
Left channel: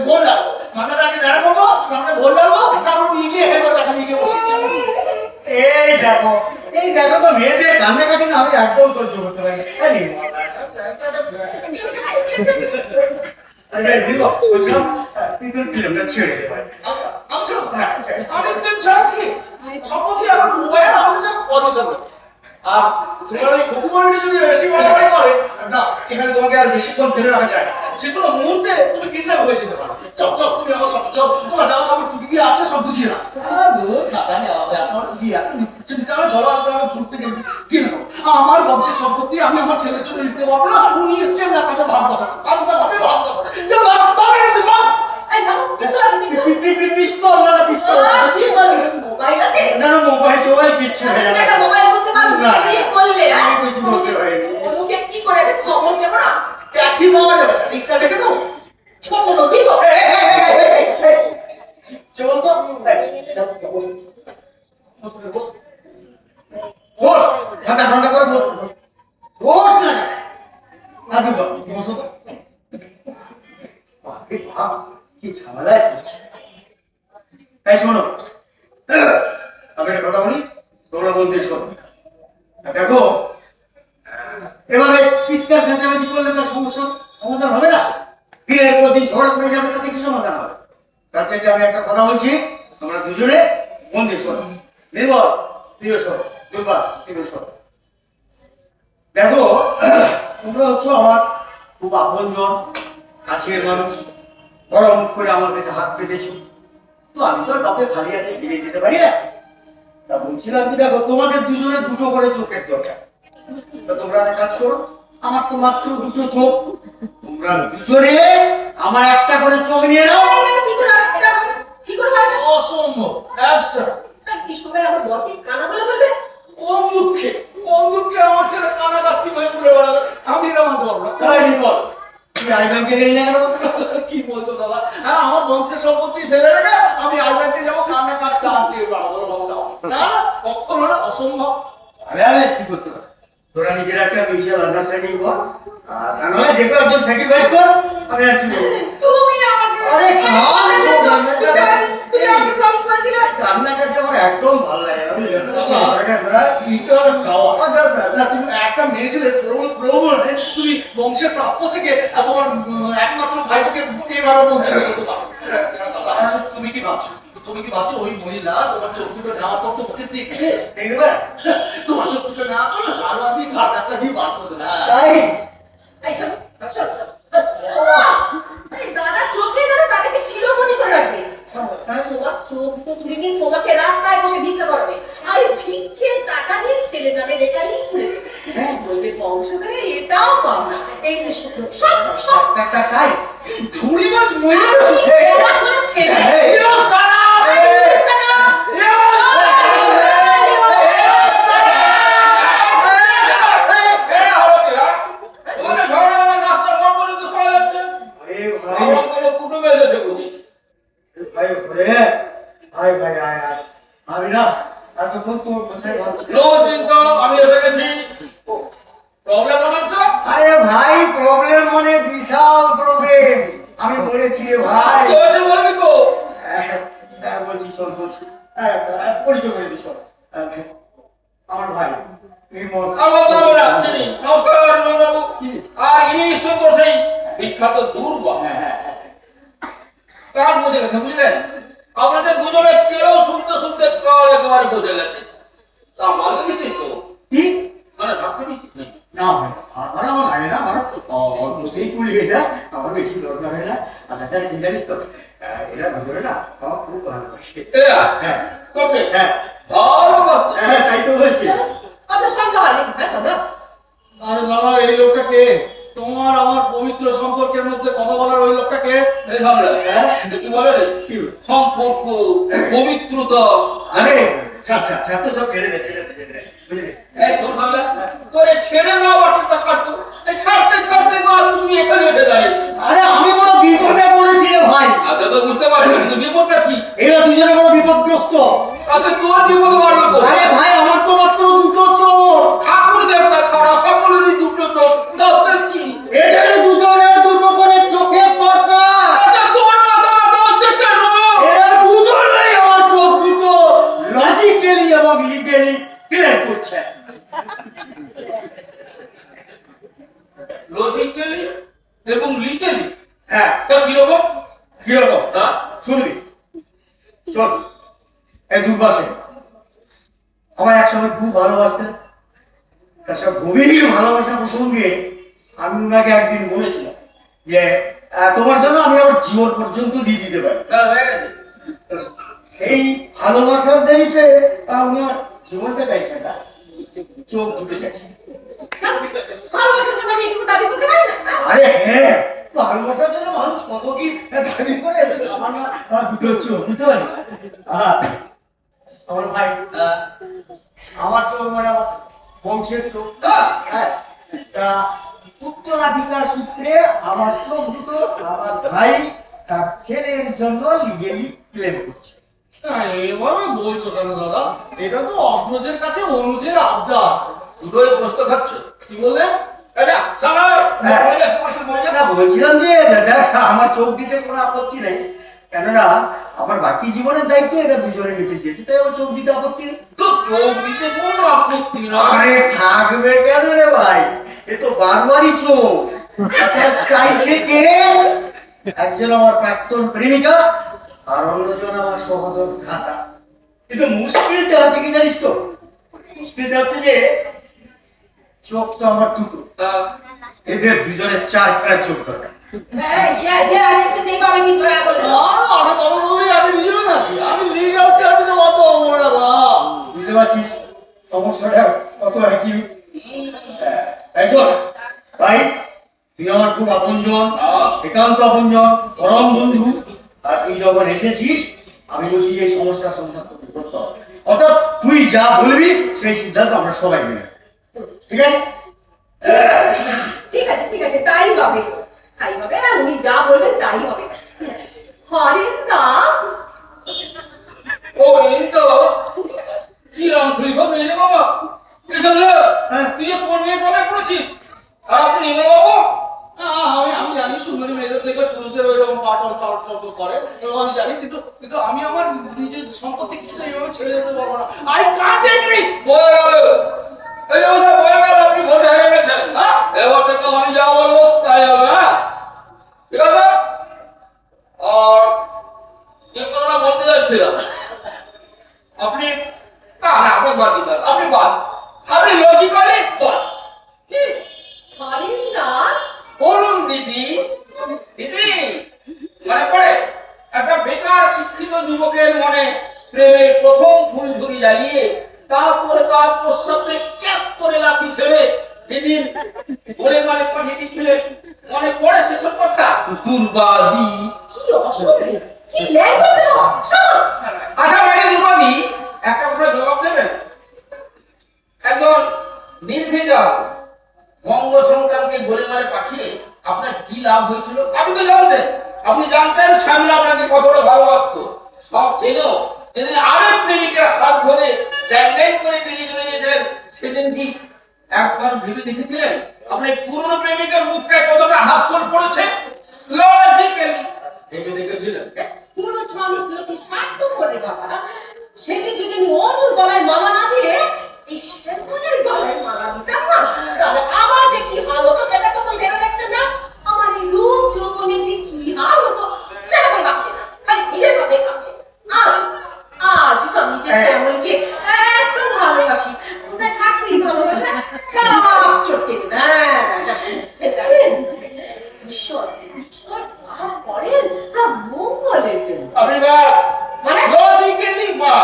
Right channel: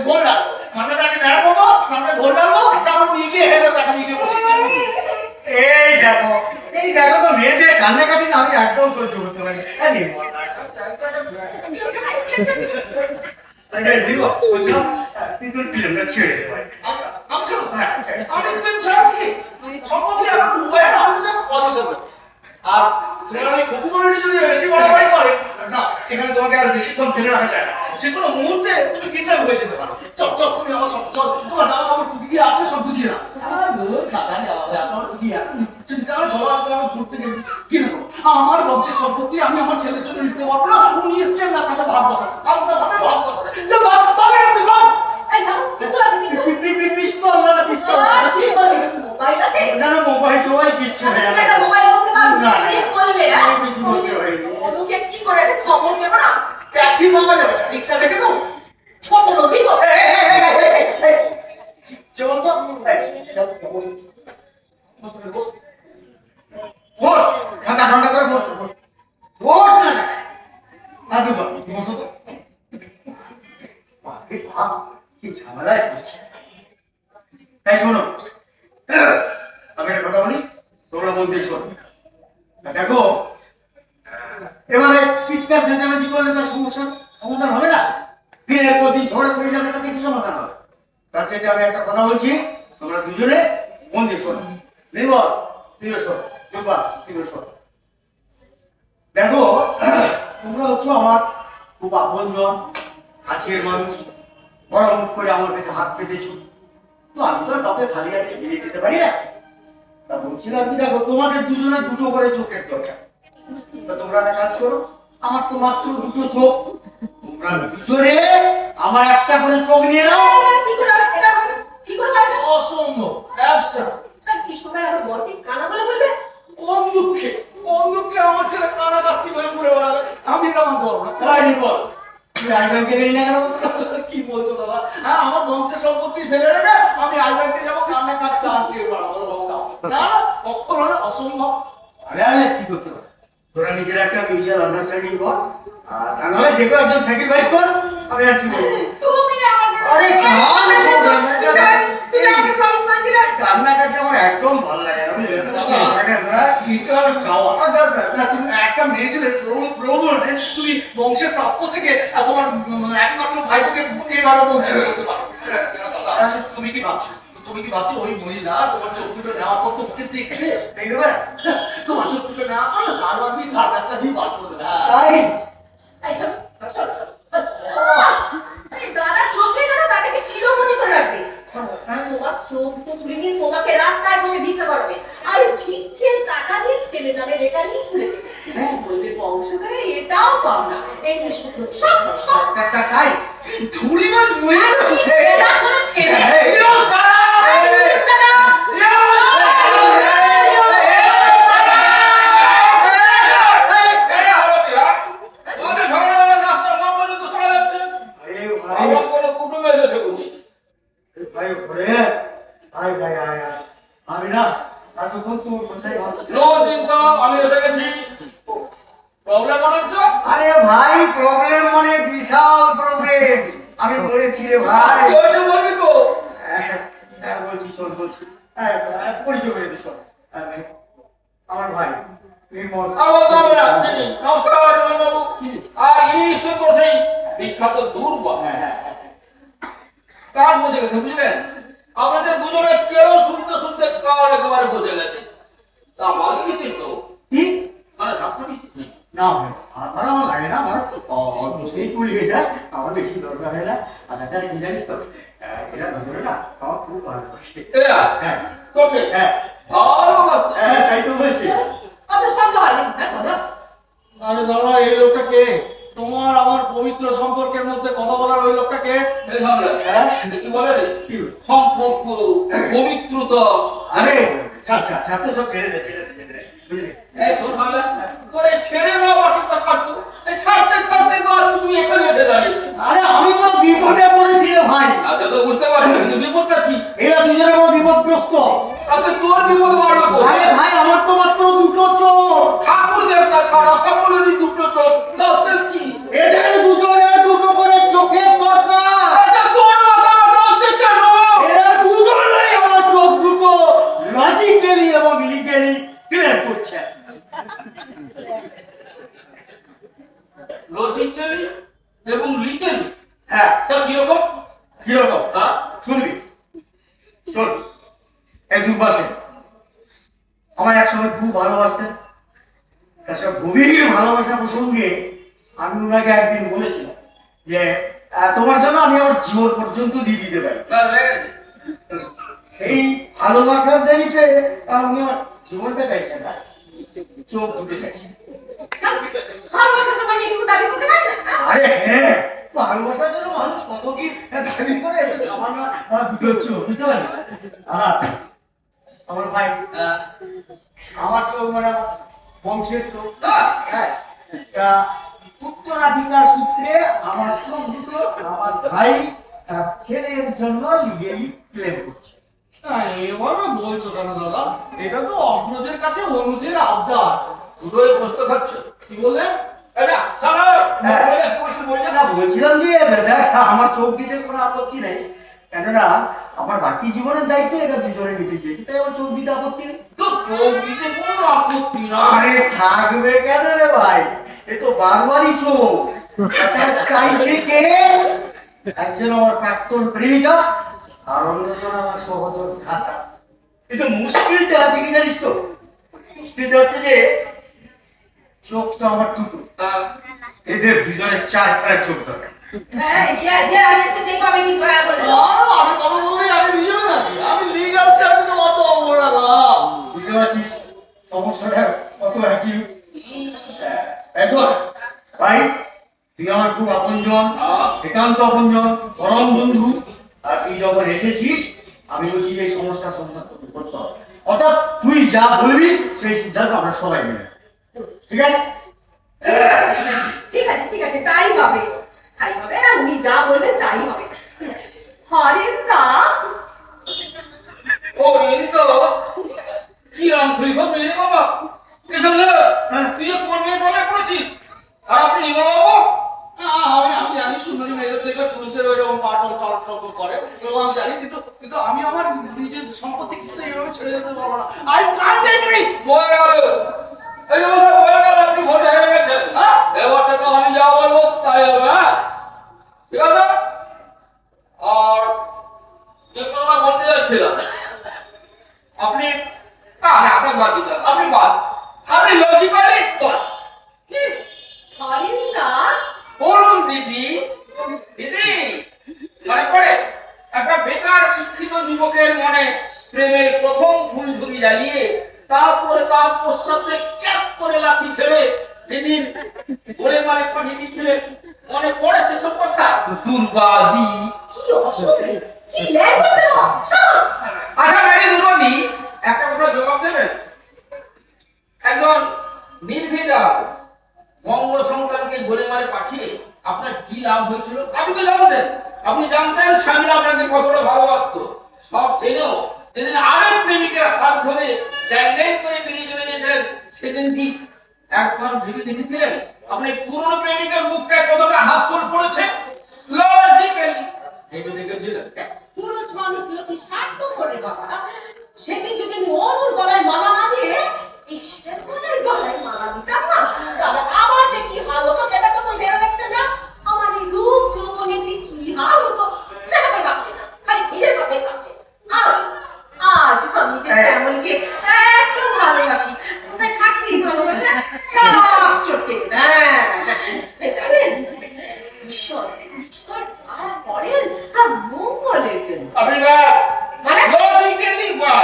ভোল ডালবো, মাথাটাকে নেড়া করবো, তারপরে ভোল ডালবো, তারপর নিয়ে গিয়ে হেডের কাছে নিয়ে গিয়ে বসে দিয়েছি। এই দেখো তো মেয়েদের কান্নাকাটি না আমি একদম সহ্য করতে পারি ছেড়ে দিতে পারি আমি ছাড়া কি সম্পত্তি আমার মোবাইল আমাদের পজিশন। আর তোমার ওই কুকুমণি যদি বেশি বাড়াবাড়ি করে না, এখানে তোমাকে আর বেশিক্ষণ ফেলে রাখা যায় না। যে কোনো মুহূর্তে তুমি কিডন্যাপ হয়ে যেতে পারো। চল তুমি আমার সব চল, তোমার জামা কাপড় টুকি দিয়ে আছে সব বুঝিয়ে না। সাধারণ আপনার টুকি আছে চলো আমি ঘুরতে গেছি কি নেবো আমার বংশের সম্পত্তি আমি আমার ছেলের জন্য নিতে পারবো না। উনি এসছেন না তাদের ভাব বসা কালটা ভাতে ভাব বসা চল এই শ্যামল, কিন্তু আমি পিস্তল না পিস্তল কি বলি? মোবাইল আছে? না মোবাইল টোবাইল কিচ্ছু নেই তুমি একটা মোবাইল বলতে পারো না, কি করলে? হ্যাঁ? আমি কিছু তুমি বলতে পারিনি। অনুকে কি করে একটা খবর দেবো না? ট্যাক্সি পাওয়া যাবে না, রিক্সা ডেকে দাও। খবর কি গো? চল তো বস ঠান্ডা ঠান্ডা করে বস বস না না দুটো বসো তো ভাব কি ঝামেলায় পড়ছে। তাই শোনো আমি একটা কথা বলি তোমরা বলতে শোনো দেখো এভাবে চিৎকার চেঁচামেচি করলে তার সমস্যার সমাধান হবে না। দিনের পর দিন ঝগড়া করে যাবে তাতে কি সমাধান হবে? তার থেকে আমি একটা কথা বলছি তোমরা দুজনে মন দিয়ে শোনো। নির্মল তুইও শোনো, দুর্বা তুইও শোনো। দেখো তোমরা হচ্ছে আমার খুব আপনজন কাছের মানুষ, বড় মুখ করে আমার কাছে হাত পেতেছো, তো আমি তো আর কাউকে খালি হাতে ফিরে দিতে পারি না। তা বলছিলাম কি দেখো তোমাদের দুজনের দুটো করে চোখের দরকার। তা তোমরা একটা কাজ করো, আমার তো মাত্র দুটো চোখ, তোমরা দুজনে আমার একটা করে চোখ নিয়ে নাও। কি করে হবে এটা? কি করে হবে না? অসম্ভব, অ্যাবসার্ড। কি সময় আমার বরকে কানা বলে বলবে? কোন দুঃখে আমার ছেলে কানাকার্তি হয়ে ঘুরে বেড়াবে, আমি এটা মানতে পারবো না। তাই নির্মল তুমি আইব্যাংকে গেলি না কেন? কি বলছো দাদা? হ্যাঁ আমার বংশের সম্পত্তি ফেলে রেখে আমি আইব্যাংকে যাবো কানাকার্তি আনছি না, কখনো না, অসম্ভব। আরে আমি কি করতে পারি? তোরা নিজের একটা মিউচুয়াল আন্ডারস্ট্যান্ডিং কর আর আমরা যে কোনো একজন স্যাক্রিফাইস কর। আমি আর কি বলবো? তুমি আমাকে আরে কাম তুমি আমাকে প্রমিস করেছিলে। রান্নাটাকে আমার একদম ভালো লাগে না বুঝলে? তুমি একটা মেয়ে ছেলে প্রবণে তুমি বংশের প্রাপ্য থেকে তোমার একমাত্র ভাইকে এইভাবে বঞ্চিত করতে পারো। তুমি কি ভাবছো ওই মহিলা তোমার চোখ দুটো নেওয়ার পর তোমাকে দেখবে দেখবে তোমার চোখ দুটো নেওয়ার পর না দারোয়ান দিয়ে ঘাট ধাক্কা দিয়ে বার করে দেবে। তাই এই শোন, শোন, শোন। এই দাদা চোখে দাদা তাদেরকে শিরোমণি করে রাখবে। তোমার চোখ তো তুলে নিয়ে তোমাকে রাস্তায় বসে ভিক্ষা করাবে, আর ভিক্ষের টাকা দিয়ে ছেলে নামে রেকারিং খুলে দেবে। হ্যাঁ, বলবে বংশধরে এটাও পাও না, এই যে সব সব সব তাই ধুড়ি মাছ মহিলা এরা কোনো ছেলে ভাই ঘরে আয় ভাই আয় আয় আমি না এতক্ষণ তোর কোথায় ভাবছি আমি এসে গেছি। প্রবলেম মনে হচ্ছে? আরে ভাই প্রবলেম মানে বিশাল প্রবলেম। আমি বলেছি রে ভাই কি হয়েছে বলবি তো? বলছি শোন বলছি পরিচয় করে দিস আমার ভাই নির্মল। আর বলতে হবে না, চিনি। নমস্কার বাবু। আর ইনি নিশ্চয়ই তো সেই বিখ্যাত দুর্বা। কার বুঝে গেছে বুঝলেন? আপনাদের দুজনের কেউ শুনতে শুনতে কার একেবারে বুঝে গেছে। তা মানে নিশ্চিত তো? কি মানে ডাক্তার নিশ্চিত নেই। না ভাই আমার আমার লাগে না, আমার অল্পতেই কুড়ি হয়ে যায়, আমার বেশি দরকার হয় না। আর তাছাড়া কি জানিস তো এটা ধরে না আমার খুব ভালোবাসে। হ্যাঁ তোকে হ্যাঁ ভালোবাসে। হ্যাঁ তাই তো বলছি। আপনার সন্দেহ হয়নি? হ্যাঁ সন্দেহ। আরে বাবা এই লোকটা কে? তোমার আমার পবিত্র সম্পর্কের মধ্যে কথা বলার ওই লোকটা কে? এই সামনে, কি বলে রে? সম্পর্ক, পবিত্রতা। আরে ছাড় ছাড় ছাড় তো সব ছেড়ে দে বুঝলি? এই শোন সামনে, তো এই ছেড়ে দেওয়া বাচ্চাটা ছাড়তো। এই ছাড়তে ছাড়তে তো আর তুই এখানে এসে দাঁড়িয়েছিস। আরে আমি কোনো বিপদে পড়েছি রে ভাই। আচ্ছা তো বুঝতে পারছি, কিন্তু বিপদটা কি? এরা দুজনে কোনো বিপদগ্রস্ত। তাতে তোর বিপদ বাড়লো কোথায়? আরে ভাই আমার তো মাত্র দুটো চোখ। ঠাকুর দেবতা ছাড়া সকলেরই দুটো চোখ, তাতে কি? এদের দুজনের দুটো করে চোখের দরকার। আচ্ছা তোমার মাথা ব্যথা হচ্ছে কেন? এরা দুজনেই আমার চোখ দুটো লজিক্যালি এবং লিগ্যালি ক্লিয়ার করছে। লজিক্যালি এবং লিগেলি? হ্যাঁ তা কিরকম? কিরকম হ্যাঁ? শুনবি? শোন এই দুপাশে আমার একসময় খুব ভালোবাসতেন। তার সব গভীর ভালোবাসা প্রসঙ্গে আমি ওনাকে একদিন বলেছিলাম যে তোমার জন্য আমি আমার জীবন পর্যন্ত দিয়ে দিতে পারি। তা হয়ে গেছে। এই ভালোবাসার দেরিতে আমার জীবনটা চাইছে না, চোখ দুটো চাইছে। ভালোবাসা তো মানে এটুকু দাবি করতে পারি না? আরে হ্যাঁ ভালোবাসার জন্য মানুষ কত কি দাবি করে, সামান্য দুটো চোখ বুঝতে পারি। আমার ভাই আমার চোখ মানে আমার বংশের চোখ। হ্যাঁ উত্তরাধিকার সূত্রে আমার চোখ দুটো আমার ভাই তার ছেলের জন্য লিগেলি ক্লেম করছে। এইভাবে বলছো কেন দাদা? এটা তো অগ্রজের কাছে অনুজের আবদার। দুটোই প্রশ্ন খাচ্ছ। কি বলে? আচ্ছা সামনে না বলছিলাম যে দাদা আমার চোখ দিতে কোনো আপত্তি নেই, কেননা আমার বাকি জীবনের দায়িত্ব এরা দুজনে নিতে চেয়েছে, তাই আমার চোখ দিতে আপত্তি নেই। তো চোখ দিতে কোনো আপত্তি না। আরে থাকবে কেন রে ভাই, এ তো বারবারই চোখ। তাছাড়া চাইছে কে? একজন আমার প্রাক্তন প্রেমিকা আর অন্যজন আমার সহোদর ভ্রাতা। কিন্তু মুশকিলটা হচ্ছে কি জানিস তো, মুশকিলটা হচ্ছে যে চোখ তো আমার দুটো, এদের দুজনের চারখানা চোখ দরকার। হ্যাঁ, যে আগে তো নেই পাবে কিন্তু হ্যাঁ বলে। আমি বাবা বললে আগে নিয়ে যাবে নাকি? আমি লিগাল স্ট্যান্ডে কত অমর দাদা। বুঝতে পারছিস সমস্যাটা কত একই। ভাই তুই আমার খুব আপনজন, একান্ত আপনজন, পরম বন্ধু। আর তুই যখন এসেছিস আমি বলছি এই সমস্যার সমাধান করতে হবে, অর্থাৎ তুই যা বলবি সেই সিদ্ধান্ত আমরা সবাই মেনে নেব। ঠিক আছে? ঠিক আছে ঠিক আছে, তাই হবে তাই হবে, উনি যা বলবেন তাই হবে। হরেন নাম ও ইন্দো কি আঙ্গুলি হবে রে বাবা? এসব না, তুই কোন মেয়ে বলে পড়েছিস? আর আপনি নির্মল বাবু? আমি জানি সুন্দরী মেয়েদের থেকে পুরুষদের ওই রকম পাটল টল করে, তো আমি জানি, কিন্তু আমি আমার নিজের সম্পত্তি কিছু এইভাবে ছেড়ে যেতে পারবো না। I can't agree. বয়ে গেল, এই যে কথা বয়ে গেল, আপনি ভোটে হয়ে গেছেন। এবার থেকে আমি যা বলবো তাই হবে। হ্যাঁ ঠিক আছে? আর যে কথাটা বলতে যাচ্ছিলাম, আপনি আপনার বাদ দিতে হবে। আপনি লজিক্যালি বল। হরেন নাম বলুন দিদি, দিদি মানে পড়ে একটা বেকার শিক্ষিত যুবকের মনে প্রেমের প্রথম ফুলঝুরি জ্বালিয়ে তারপরে তার প্রস্তাবে ক্যাপ করে লাঠি ছেড়ে যেদিন বলে মানে পাঠিয়ে দিয়েছিলেন, মনে পড়ে সেসব কথা? দুর্বাদি কি অসুবিধে, কি ল্যাঙ্গুয়েজ রে বাবা, শোনো। আচ্ছা ম্যাডাম দুর্বাদি, একটা কথা জবাব দেবেন। একজন নির্ভীক বঙ্গ সন্তানকে গোলেমালে পাঠিয়ে আপনার কি লাভ হয়েছিল? আপনি তো জানতেন, আপনি জানতেন শ্যামলা আপনাকে কতটা ভালোবাসতো। সব জেনেও সেদিন আরেক প্রেমিকের হাত ধরে জ্যাং করে বেরিয়ে চলে গেছিলেন, সেদিন কি একবার ভেবে দেখেছিলেন আপনি পুরনো প্রেমিকের মুখটায় কতটা হাতছল পড়েছে? লজিক্যালি ভেবে দেখেছিলেন? পুরুষ মানুষগুলো কি স্বার্থ করে বাবা? সেদিন যদি আমি অনুর গলায় মালা না দিয়ে এই শ্যামলের গলায় মালা দিতাম না, তাহলে আমার যে কি হাল হতো সেটা তো তুই ভেবে দেখছেন না? আমার এই রূপ যৌবনের যে কি হাল হতো সেটা তুই ভাবছে না, খালি নিজের কথাই ভাবছে। আজ আজ আমি যে শ্যামলকে এত ভালোবাসি, কোথায় থাকতেই ভালোবাসা সব চটকে জানেন। ঈশ্বর ঈশ্বর যা করেন তা মঙ্গলের জন্য। আপনি মানে? লজিক্যালি বা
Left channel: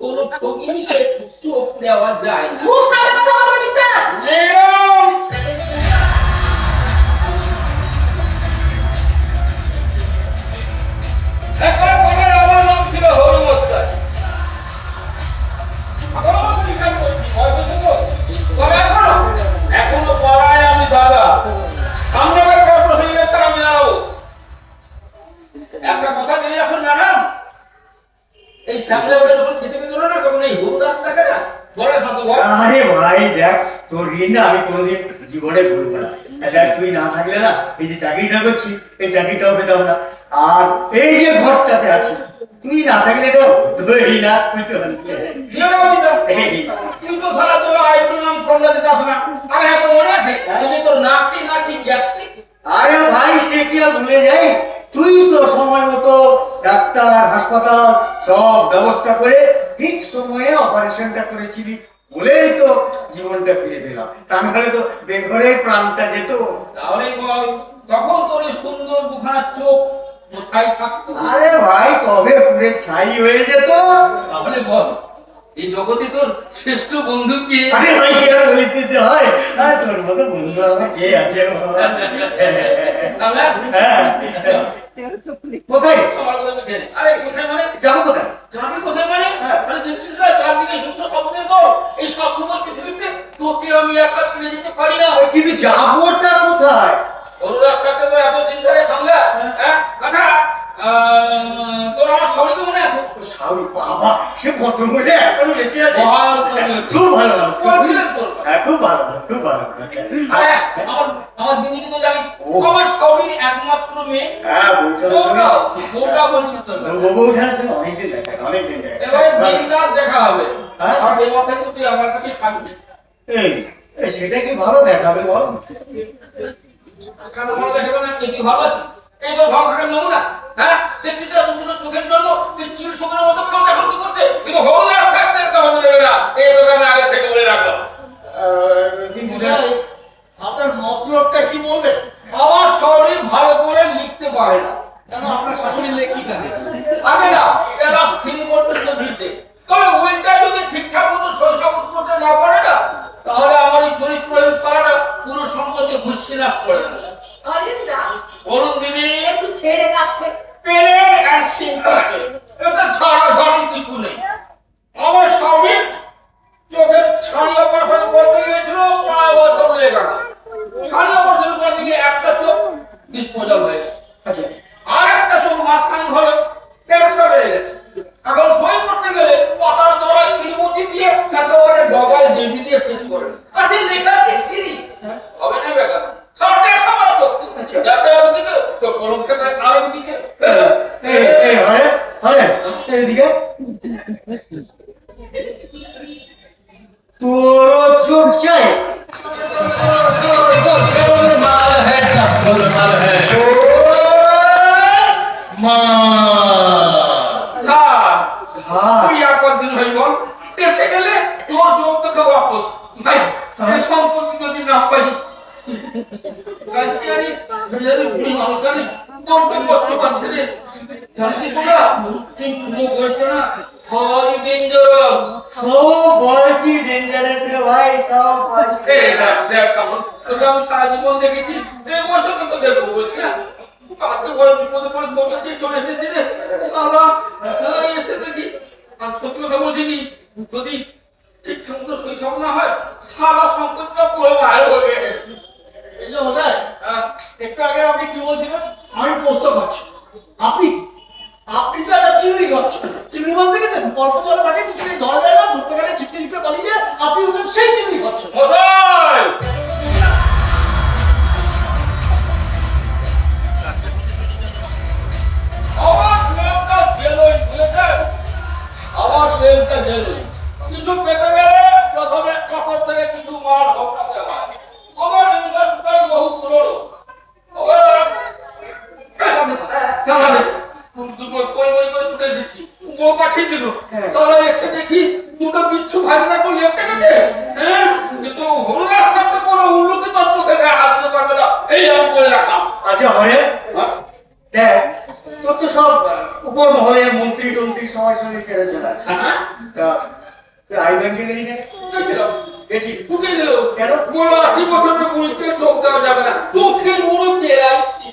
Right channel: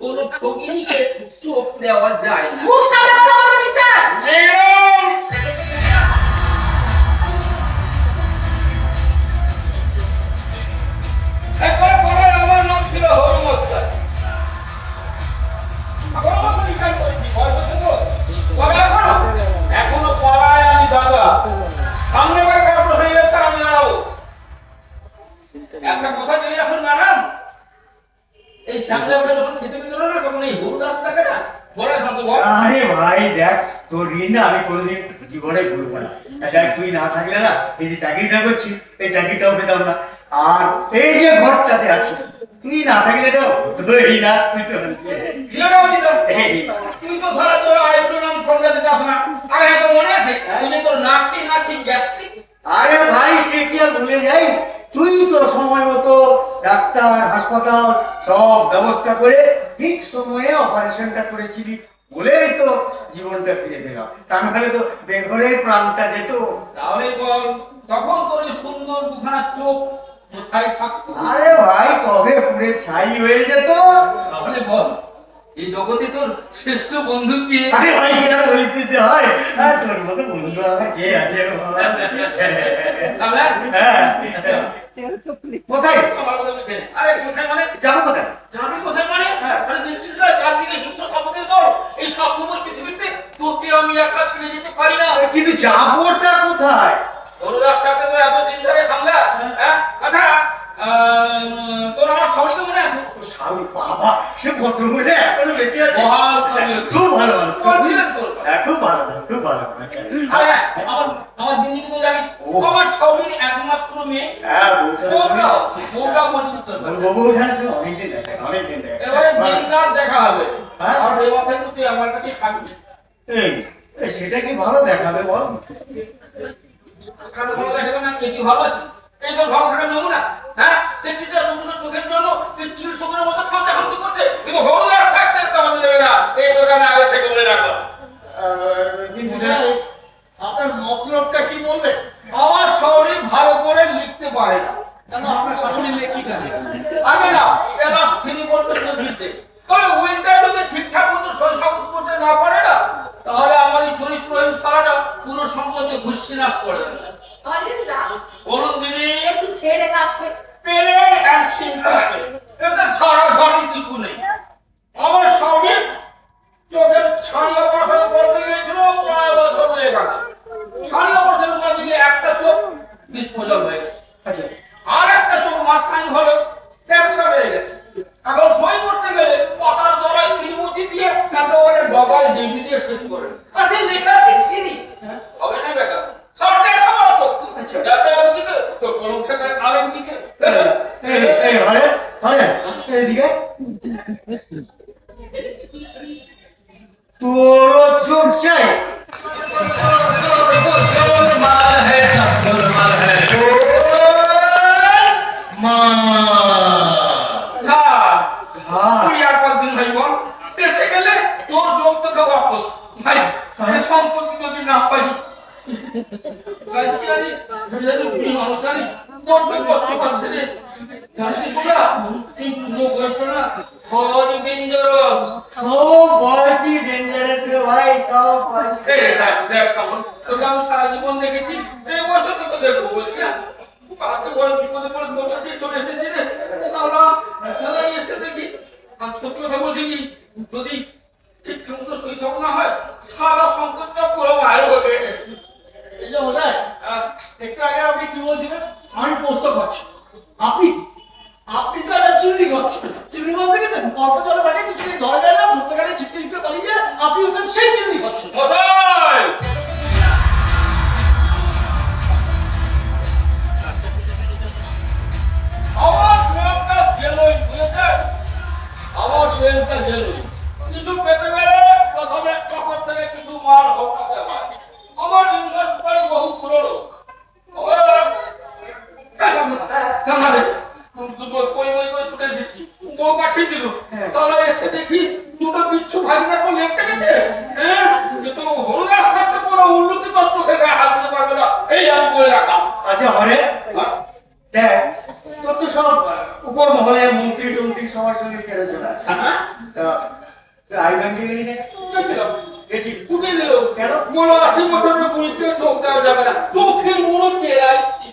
কোন ঠগিনীকে চোখ দেওয়া যায় না। মুখ সামনে কথা বলবেন মিস্টার। ম্যাডাম একটা বলে আমার নাম ছিল হরমস্তার। এখনো পড়ায় আমি দাদা, সামনে বার করার প্রশ্ন গেছে আমি জানাবো। একটা কথা যদি এখন জানান, এই শ্যামলা বলে যখন খেতে পেত না তখন এই হলুদ গাছ থাকে না, বলে এখন তো বল। আরে ভাই দেখ, তোর ঋণ না আমি কোনোদিন জীবনে ভুলবো না। দেখ তুই না থাকলে না এই যে চাকরিটা করছি এই চাকরিটাও পেতাম না, আর এই যে ঘরটাতে আছি তুই না থাকলে তো তোরই না, তুই তো বিয়েটাও দিতাম। তুই তো সারা তোর আইব্রো নাম ফোনটা দিতে আস না। আরে এখন মনে আছে তুই যে তোর নাকি গ্যাস্ট্রিক? আরে ভাই সে কি আর ভুলে যাই? তুই তো সময় মতো ডাক্তার হাসপাতাল সব ব্যবস্থা করে ঠিক সময়ে অপারেশনটা করেছিলি বলেই তো জীবনটা ফিরে পেলাম, তা নাহলে তো বেঘরে প্রাণটা যেত। তাহলে বল তখন তোর এই সুন্দর দুখানা চোখ কোথায় থাকতো? আরে ভাই কবে পুরে ছাই হয়ে যেত। তাহলে বল এই জগতে তোর শ্রেষ্ঠ বন্ধু কি? আরে ভাই কি আর বলতে হয়, আর তোর মতো বন্ধু আমার কে আছে বল? তাহলে হ্যাঁ কোথায় আমার কথা বলছেন? আরে কোথায় মানে? যাবো কোথায়? যাবি কোথায় মানে? আরে দেখছিস না চারদিকে হিংস্র সাপদের দল, এই স্বার্থপর পৃথিবীতে তোকে আমি একা ছেড়ে যেতে পারি না। কিন্তু যাবোটা কোথায়? বড় রাস্তাটা তো এত চিন্তা রে সামলা। হ্যাঁ আচ্ছা, তোর আমার শাশুড়িকে মনে আছে? শাহরুখ বাবা সে কত বলে এখনো বেঁচে আছে। বল তবে। খুব ভালো ভালো বলছিলেন তোর। খুব ভালো খুব ভালো। আরে আমার দিদি তো জানিস আমার সবই একমাত্র মেয়ে। হ্যাঁ বউটা বলছিস তোর কথা। বউ উঠানে অনেকদিন দেখা অনেকদিন এবারে দিন রাত দেখা হবে। হ্যাঁ। আর এই মাথায় তো তুই আমার কাছে থাকবি। সেটা কি ভালো দেখাবে বল? কেন ভালো দেখাবে না? কি ভালো আছে? এইবার ভালো থাকার নমুনা। হ্যাঁ দেখছিস না দুটো চোখের জন্য তুই চিল শোকের মতো খাওয়া খাওয়া করছে, কিন্তু হলুদ আর থাকতে হবে দেবে না। এই দোকানে আগে থেকে বলে রাখলাম। আপনার মতলবটা কি বলবেন? আমার শরীর ভালো করে লিখতে পারে না। কেন আপনার শাশুড়ি মেয়ে কি জানে? আগে না এরা স্থির পর্যন্ত লিখতে, তবে উইলটা যদি ঠিকঠাক মতো শৈশব করতে না পারে না, তাহলে আমার এই চরিত্রহীন সারাটা পুরো সম্পদে ভুসিনাশ করে দেবে। অরিন্দা বলুন দিদি, একটু ছেড়ে কাশবে। প্লেন অ্যান্ড সিম্পল, এতে ঝড়াঝড়ি কিছু নেই। আমার স্বামী চোখের ছানি অপারেশন করতে গিয়েছিল প্রায় বছর লেগে গেছে। ছানি অপারেশন করতে গিয়ে একটা চোখ ডিসপোজাল হয়ে গেছে, আর একটা চোখ মাঝখানে হলো ক্যান্সার হয়ে গেছে। এখন সই করতে গেলে পাতার দরায় শ্রীমতি দিয়ে একেবারে ডগায় দেবী দিয়ে শেষ করে। আর সেই লেখা দেখছি হবে না বেটা সরকার সভা করতে যাতে একদিকে তো কলম থেকে আরেকদিকে। এইদিকে তোর চোখ চাই মা ভাই বল এসে গেলে তোর যোগ থেকে বাপস ভাই। সম্পত্তি যদি না পাই জানিস মানুষ জানিস কত কষ্ট পাচ্ছে রে জানিস না তুই কোনো কষ্ট না হরি ডেঞ্জারাস সব বয়সি ডেঞ্জারাস রে ভাই, সব বয়সি। দেখ সামনে তোকে আমি সারা জীবন দেখেছি এই বয়সে তো দেখবো বলছি না আজকে বড় বিপদে পড়ে বসেছি চলে এসেছি রে না এসে দেখি আর তোকে কথা বলছি কি যদি ঠিক মতো শৈশব না হয় সারা সম্পত্তিটা পুরো বাইরে হয়ে গেছে এই যে মশাই, একটু আগে আপনি কি বলছিলেন? আমি পোস্ত খাচ্ছি। আপনি আপনি তো একটা চিংড়ি খাচ্ছেন। চিংড়ি মাছ দেখেছেন? অল্প জলে থাকে, কিছুতেই ধরা যায় না, ধরতে গেলে ছিপতে ছিপতে পালিয়ে যায়। আপনি হচ্ছেন সেই চিংড়ি খাচ্ছেন। মশাই আমার প্রেমটা জেলই বুঝেছে আমার প্রেমটা জেলই কিছু পেতে গেলে প্রথমে কখন থেকে কিছু মাল হকাতে হয় আমার ইনভেস্টমেন্ট বহু পুরনো দুপুর কই কই কই ছুটে দিচ্ছি বউ পাঠিয়ে দিল তাহলে এসে দেখি দুটো বিচ্ছু ভাগিনা করে লেপটে গেছে হ্যাঁ কিন্তু হলুদ রাস্তাতে কোনো উন্নতি তত্ত্ব থেকে হাত দিতে পারবে না এই আমি বলে রাখলাম আচ্ছা হরে, দেখ তোর তো সব উপর মহলে মন্ত্রী টন্ত্রী সবার সঙ্গে কেড়ে চলে আসে। আই ব্যাংকে গেলি না? গেছিলাম গেছি। ফুটে দিল কেন? বললো 80 বছরের বুড়িতে চোখ দেওয়া যাবে না চোখের মুড়ো তেরাইছি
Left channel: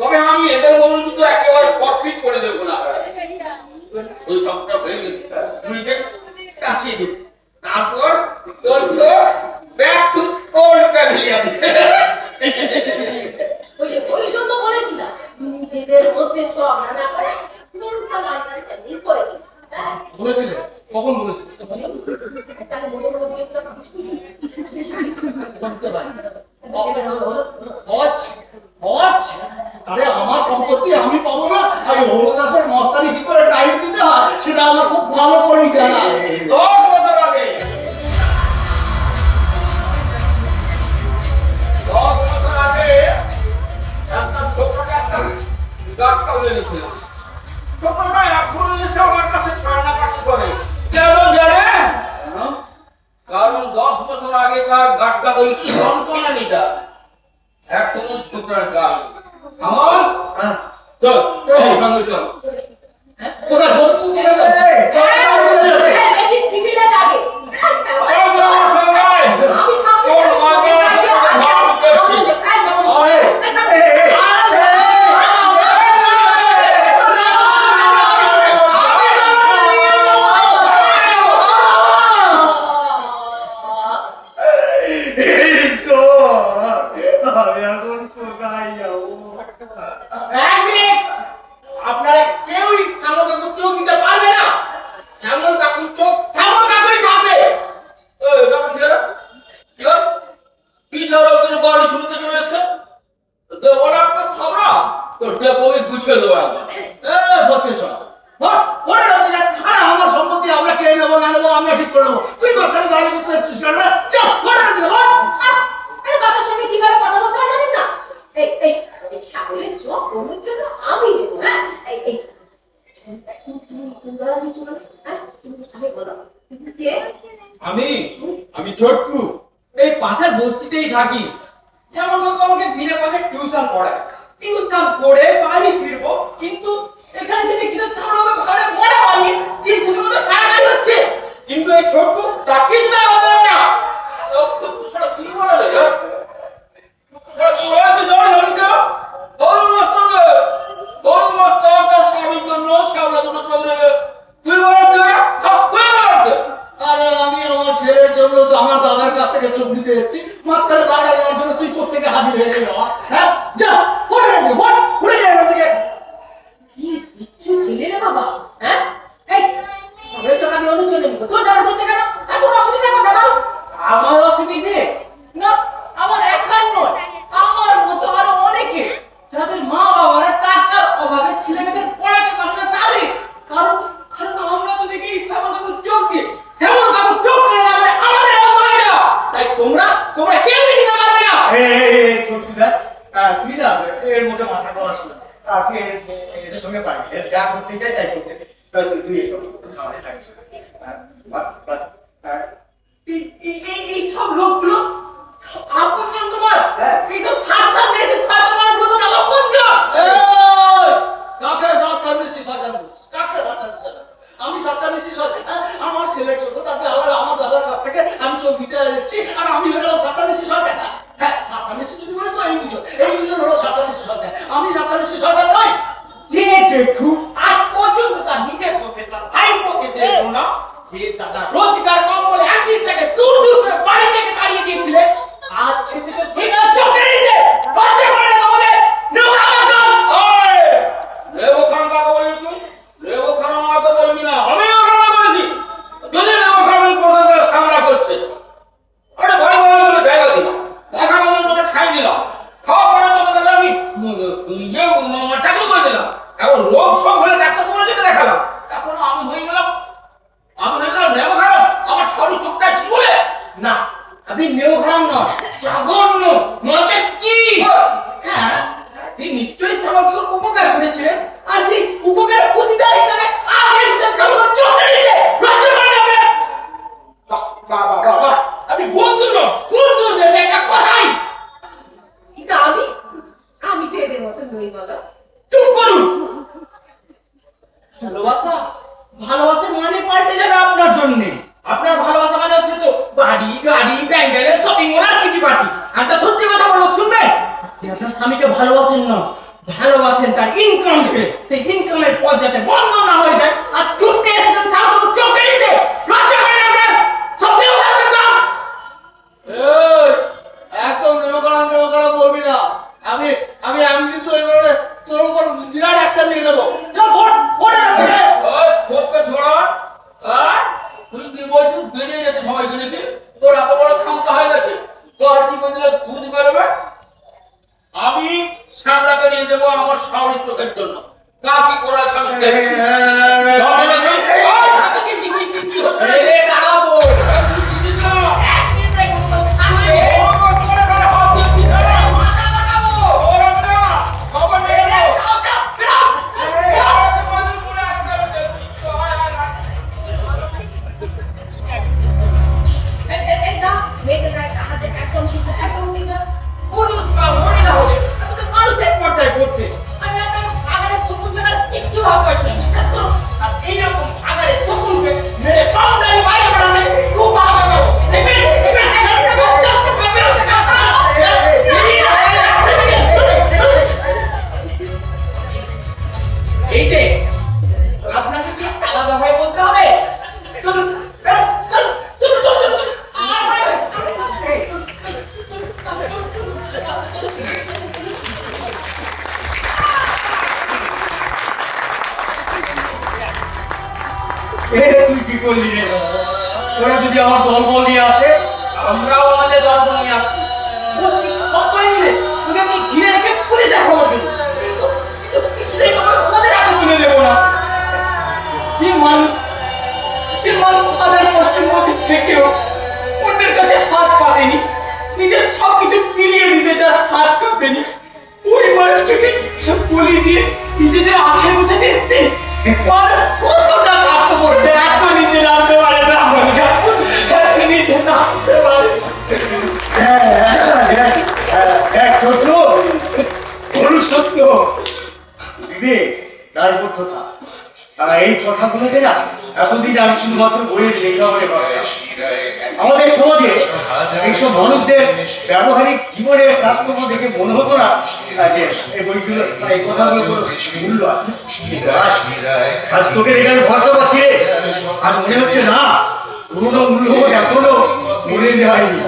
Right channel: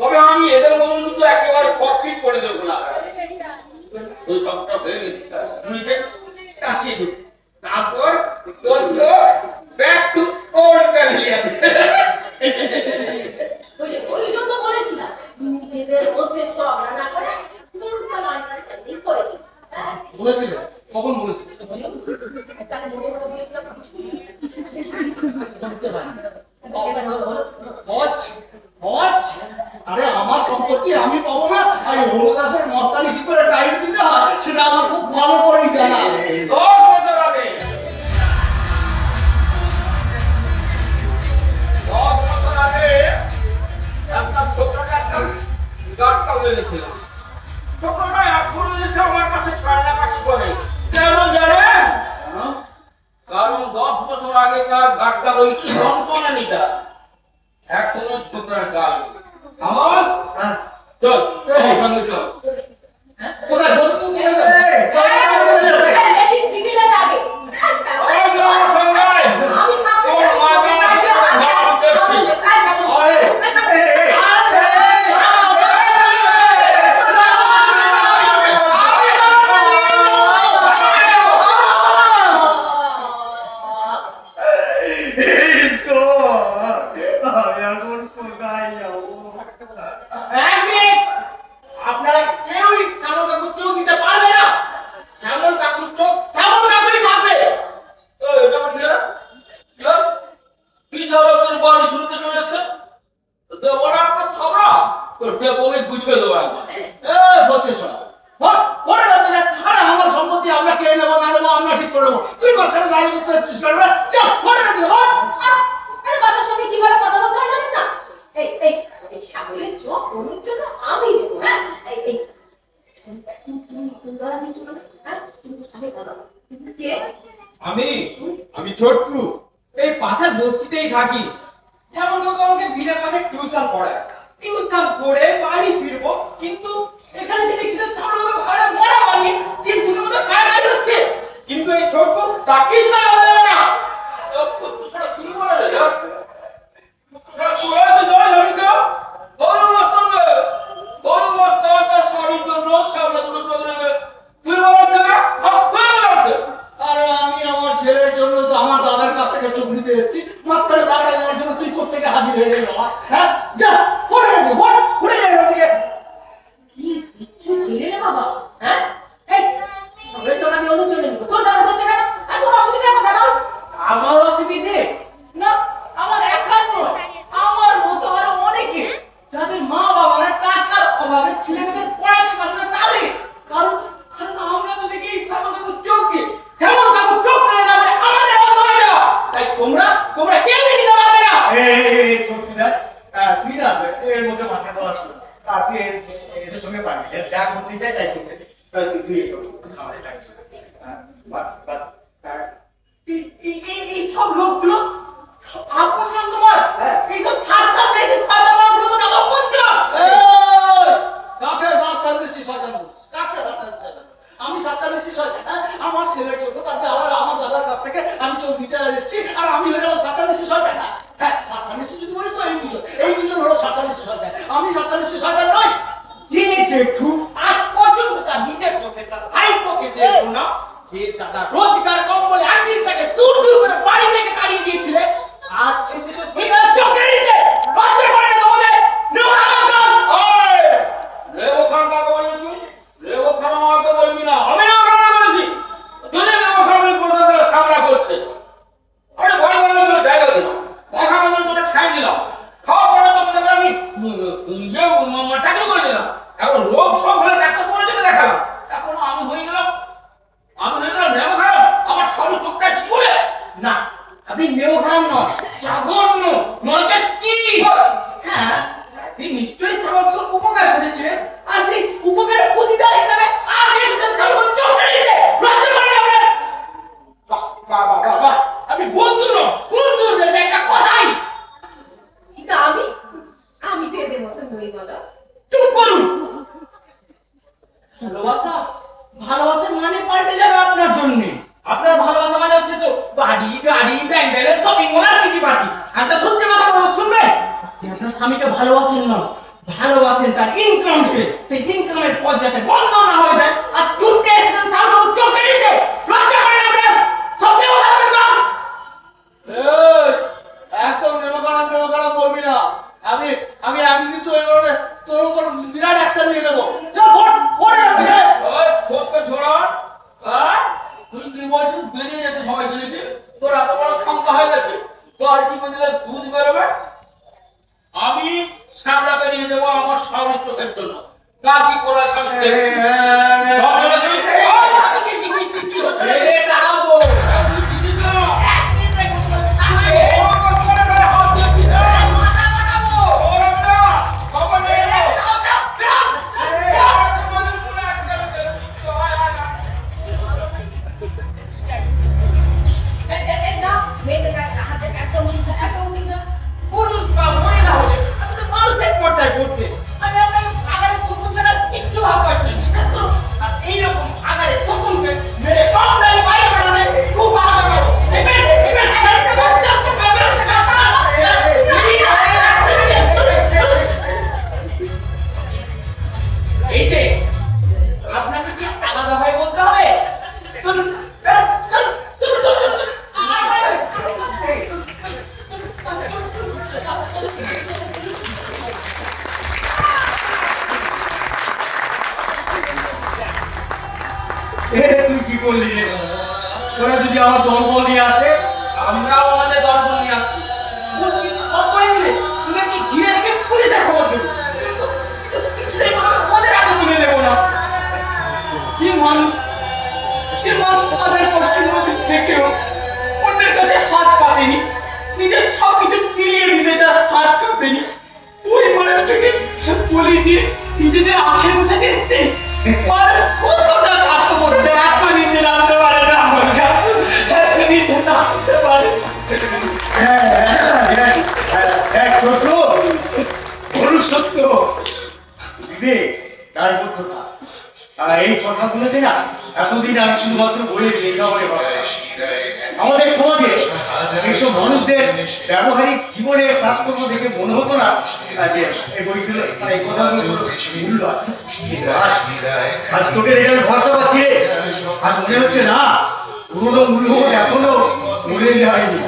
তবে আমি এদের মনে কিন্তু একেবারে ফটফিট করে দেবো না ওই সবটা হয়ে গেছে বুড়িকে কাশিয়ে দিই তারপর তোর ব্যাক টু ওল্ড প্যাভিলিয়ন ওই জন্য বলেছিলাম নিজেদের মধ্যে ঝগড়া না করে মিউচুয়াল আন্ডারস্ট্যান্ডিং করে দিন। বলেছিলেন? কখন বলেছিলেন? তাহলে মনে মনে বলেছিলাম আমি শুনি বলতে পারি হলো হজ হজ আরে আমার সম্পত্তি আমি পাবো না, আর হলুদ দাসের মস্তানি কি করে টাইট দিতে হয় সেটা আমার খুব ভালো করেই জানা আছে। 10 বছর আগে 10 বছর আগে একটা ছোটটা একটা গাটকা এনেছিলাম ছোটটা এখন এসে আমার কাছে কান্নাকাটি করে কেন জানেন কারণ 10 বছর আগেকার গাটকা ওই সন্তানিটা এখনো ছোটটার গাল আমার চল সঙ্গে চল কোথায় কোথায় যাবে? বেশি সিভিলে যাবে আমি তোর মাঝে আপনারা কেউই শ্যামল কাকুর চোখ দিতে পারবে না। শ্যামল কাকুর চোখ শ্যামল কাকুরই থাকবে। কি তোর বাড়ি শুনতে চলে এসছে তো বড় একটা থামড়া তোর ডেপোকে গুছিয়ে দেবো একবার বসে সব আরে আমার সম্পত্তি আমরা কে নেবো না নেবো আমরা ঠিক করে নেবো। তুই বাসায় দাঁড়িয়ে করতে এসেছিস কেন? চল ঘরে রাখবি না। আরে বাবার সঙ্গে কিভাবে কথা বলতে হয় জানেন না এই এই এই সাগরের চোখ ওর জন্য আমি নেব হ্যাঁ এই এই তুমি বলা কিছু না হ্যাঁ আমি বলো কে আমি ছোটকু, এই পাশের বস্তিতেই থাকি। শ্যামল কাকু আমাকে বিনা পয়সায় টিউশন পড়ায়। টিউশন করে বাড়ি ফিরবো, কিন্তু এখানে যে দেখছি শ্যামল কাকু ঘরে মোড়া বানিয়ে চিরকুটের মতো কাড়াকাড়ি হচ্ছে। কিন্তু এই ছোটকু তাকিস না হবে না। কি বলে রে কি হয়ে তো জল ধরি তো বড় মস্ত তার স্বামীর জন্য সামনে দুটো চোখ নেবে তুই বলে আরে আমি আমার ছেলের জন্য তো আমার দাদার কাছ থেকে চোখ দিতে এসেছি, মাঝখানে বাড়া দেওয়ার জন্য তুই কোথেকে হাজির হয়ে গেলি বাবা? হ্যাঁ যা ঘরে রাখবি, ঘুরে যায় এখান থেকে। কি কিচ্ছু ছেলে রে বাবা হ্যাঁ এই সাগরের চোখ আমি অন্য জন্য নেব তোর দাঁড়া করতে কেন আর তোর অসুবিধা কথা বল আমার অসুবিধে না, আমার একার নয়, আমার মতো আরো অনেকে যাদের মা বাবারা টাকার অভাবে ছেলে মেয়েদের পড়াতে পারে না তাহলে কারণ কারণ আমরা তো দেখি শ্যামল কাকুর চোখ দিয়ে শ্যামল কাকুর চোখ করে না বলে আমাদের মতো হয় না। তাই তোমরা কেউ নিতে পারবে না। ছোটদা, তুই না এর মধ্যে মাথা গলাস না। আর তুই এদের সঙ্গে পারবি, যা করতে চাই তাই করতে। তুই এসব আমাদের থাকিস এই সব লোকগুলো আপন ছেলের জন্য তাকে আমার দাদার কাছ থেকে আমি চোখ দিতে এসেছি, আর আমি হয়ে গেলাম সাতানিশি শয়তান। না হ্যাঁ, সাতানিশি যদি বলিস তো এই দুজন হলো সাতানিশি শয়তান, আমি সাতানিশি শয়তান নই। যে জেঠু আজ পর্যন্ত তার নিজের চোখে তার ভাইপোকে দেখলো না, যে দাদা রোজগার কম বলে একদিন তাকে দূর দূর করে বাড়ি থেকে তাড়িয়ে দিয়েছিলে, আজ এসে তো ঠিক আছে চোখে নিতে লজ্জা করে না তোমাদের? লেবু খান কাকে বললি তুই? লেবু খান আমাকে বলবি না, আমি লেবু খান বলেছি। যদি লেবু খানের কথা সামনা করছে, আরে ভাই ভাই তোর জায়গা দিলাম, দেখানোর জন্য তোকে ঠাই দিলাম, খাওয়া করার জন্য তোকে আমি চাকরি করে দিলাম। এখন রোগ সব হলে ডাক্তার তোমার জন্য দেখালাম, এখন আমি হয়ে গেলাম লেবু খান। আমার শরীর চোখটা কি বলে না, আপনি নেও খান নয়, জঘন্য নয়টা কি? হ্যাঁ, আপনি নিশ্চয়ই চমৎকার উপকার করেছিলেন, আর এই উপকারের প্রতিদান হিসাবে আগে চোখে নিতে লজ্জা করে না আপনার? বাবা বাবা, আপনি বন্ধু নন, বন্ধুর দেশে একটা কথাই। কিন্তু আমি তো এদের মতো নই বলো। চুপ করুন। ভালোবাসা ভালোবাসার মানে পাল্টে যাবে আপনার জন্য। আপনার ভালোবাসা মানে হচ্ছে তো বাড়ি গাড়ি ব্যাংক ব্যালেন্স শপিং মল আর কিটি পার্টি। একটা সত্যি কথা বলবো, শুনবেন? আপনি আপনার স্বামীকে ভালোবাসেন না, ভালোবাসেন তার ইনকামকে। সেই ইনকামের পথ যাতে বন্ধ না হয়ে যায়, আর চুপকে এসেছেন সাধারণ চোখে নিতে লজ্জা করেন আপনার? স্বপ্নেও ভাববেন না। একদম নেমকারাম করবি না। আমি আমি আমি কিন্তু এবারে তোর উপর বিরাট অ্যাকশন নিয়ে দেবো। চল ওরে না খোঁজকে ছোড়া, তুই কি বলছিস? বেরিয়ে যেতে সবাইকে নাকি? তোর এত বড় ক্ষমতা হয়ে গেছে, তোর কি করে দিলে দুধ বেরোবে? আমি শ্যামলাকে নিয়ে যাবো আমার শাওরির চোখের জন্য। কার কি করে আমি দেখছি। দাঁড়াবো। পুরুষ বা মহিলা হোক, আমি তো মানুষের পর্যায়ে পড়তে, আমি আপনার আগারে শকুন ছাড়া কিচ্ছু ভাব পাচ্ছি না। বিশ্বাস করুন, আর এইরকম আগারে শকুনকে মেরে বাউন্ডারি বাইরে বেড়ালে খুব ভালো হবে। দেখবেন এইটাই আপনাকে কি আলাদা ভাই বলতে হবে? চলুন চলুন চলুন চলুন। তুই কি করলি রে? ওরা যদি আমার দলবল নিয়ে আসে, আমরাও আমাদের দলবল নিয়ে আসছি। সবাই মিলে তুমি আমি ঘিরে রেখে পুলিশে খবর দেবো, কিন্তু কিছুতেই তোমাকে ওদের হাতে তুলে নেবো না। যে মানুষ তাদের কষ্টের মধ্যে থেকেও অন্যের কাছে হাত পাতেনি, নিজের সবকিছু মিলিয়ে দিতে যার হাত কাঁপেনি, ওই মানুষটাকে বলি দিয়ে নিজেদের আখের বসে দিচ্ছে। কতটা কাটতে পড়বে, এত নিচে নামতে পারে না, নিচে নামতে পারে। সত্য বিবেক তার বদ্ধতা, এই কথাগুলোতে না এতদিন আমি শুধুমাত্র বইয়ের লেখা বলে ভাবতাম। আমাদের সমাজে এইসব মানুষদের ব্যবহারিক জীবনের কাজকর্ম দেখে মনে হতো না যে এই বইগুলো এই কথাগুলো মূল্য আছে। আজ তোকে দেখে আমি ভরসা পাচ্ছি রে, আর মনে হচ্ছে না পুরোনো মূল্যবোধ এখনো মরে যায়নি,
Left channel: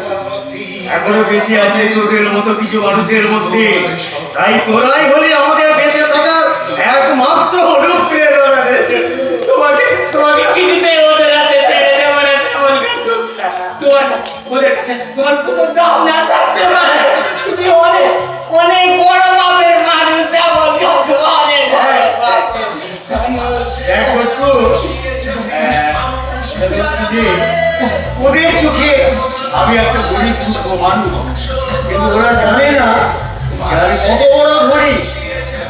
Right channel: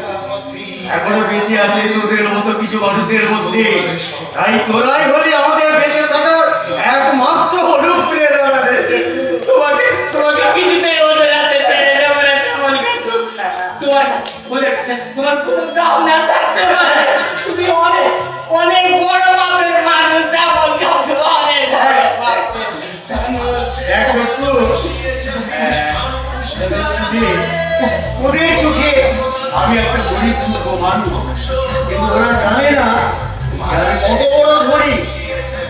এখনো বেঁচে আছে তোদের মতো কিছু মানুষের মধ্যে। তাই তোরাই হলি আমাদের বেঁচে থাকার একমাত্র অনুপ প্রেরণা। তোমাকে কিছুতেই ওদের হাতে ছেড়ে দেবো না, তোমার কোনো দাম না থাকতে পারে। তুমি অনেক অনেক বড় বাপের মানুষ, অনেক ওদের চোখে আমি একটা গরিব ছোট মানুষ, কিন্তু ওরা জানে না আমি কত বড় ধরি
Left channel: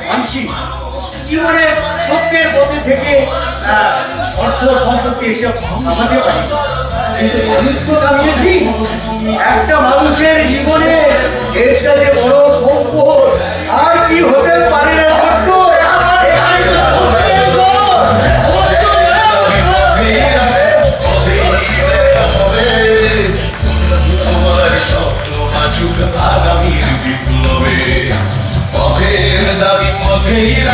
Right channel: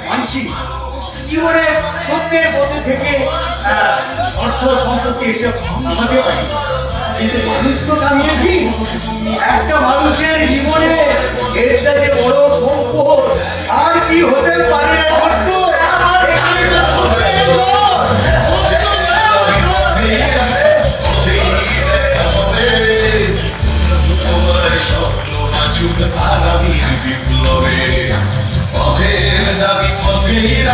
মানসিক জীবনে সত্যের পথে থেকে অর্থ সম্পত্তি এসব আমাকে পারি, কিন্তু মানুষ তো জানিয়েছি একটা মানুষের জীবনে এটা যে বড় সম্পদ আর কি হতে পারে না। আমার বেরিয়ে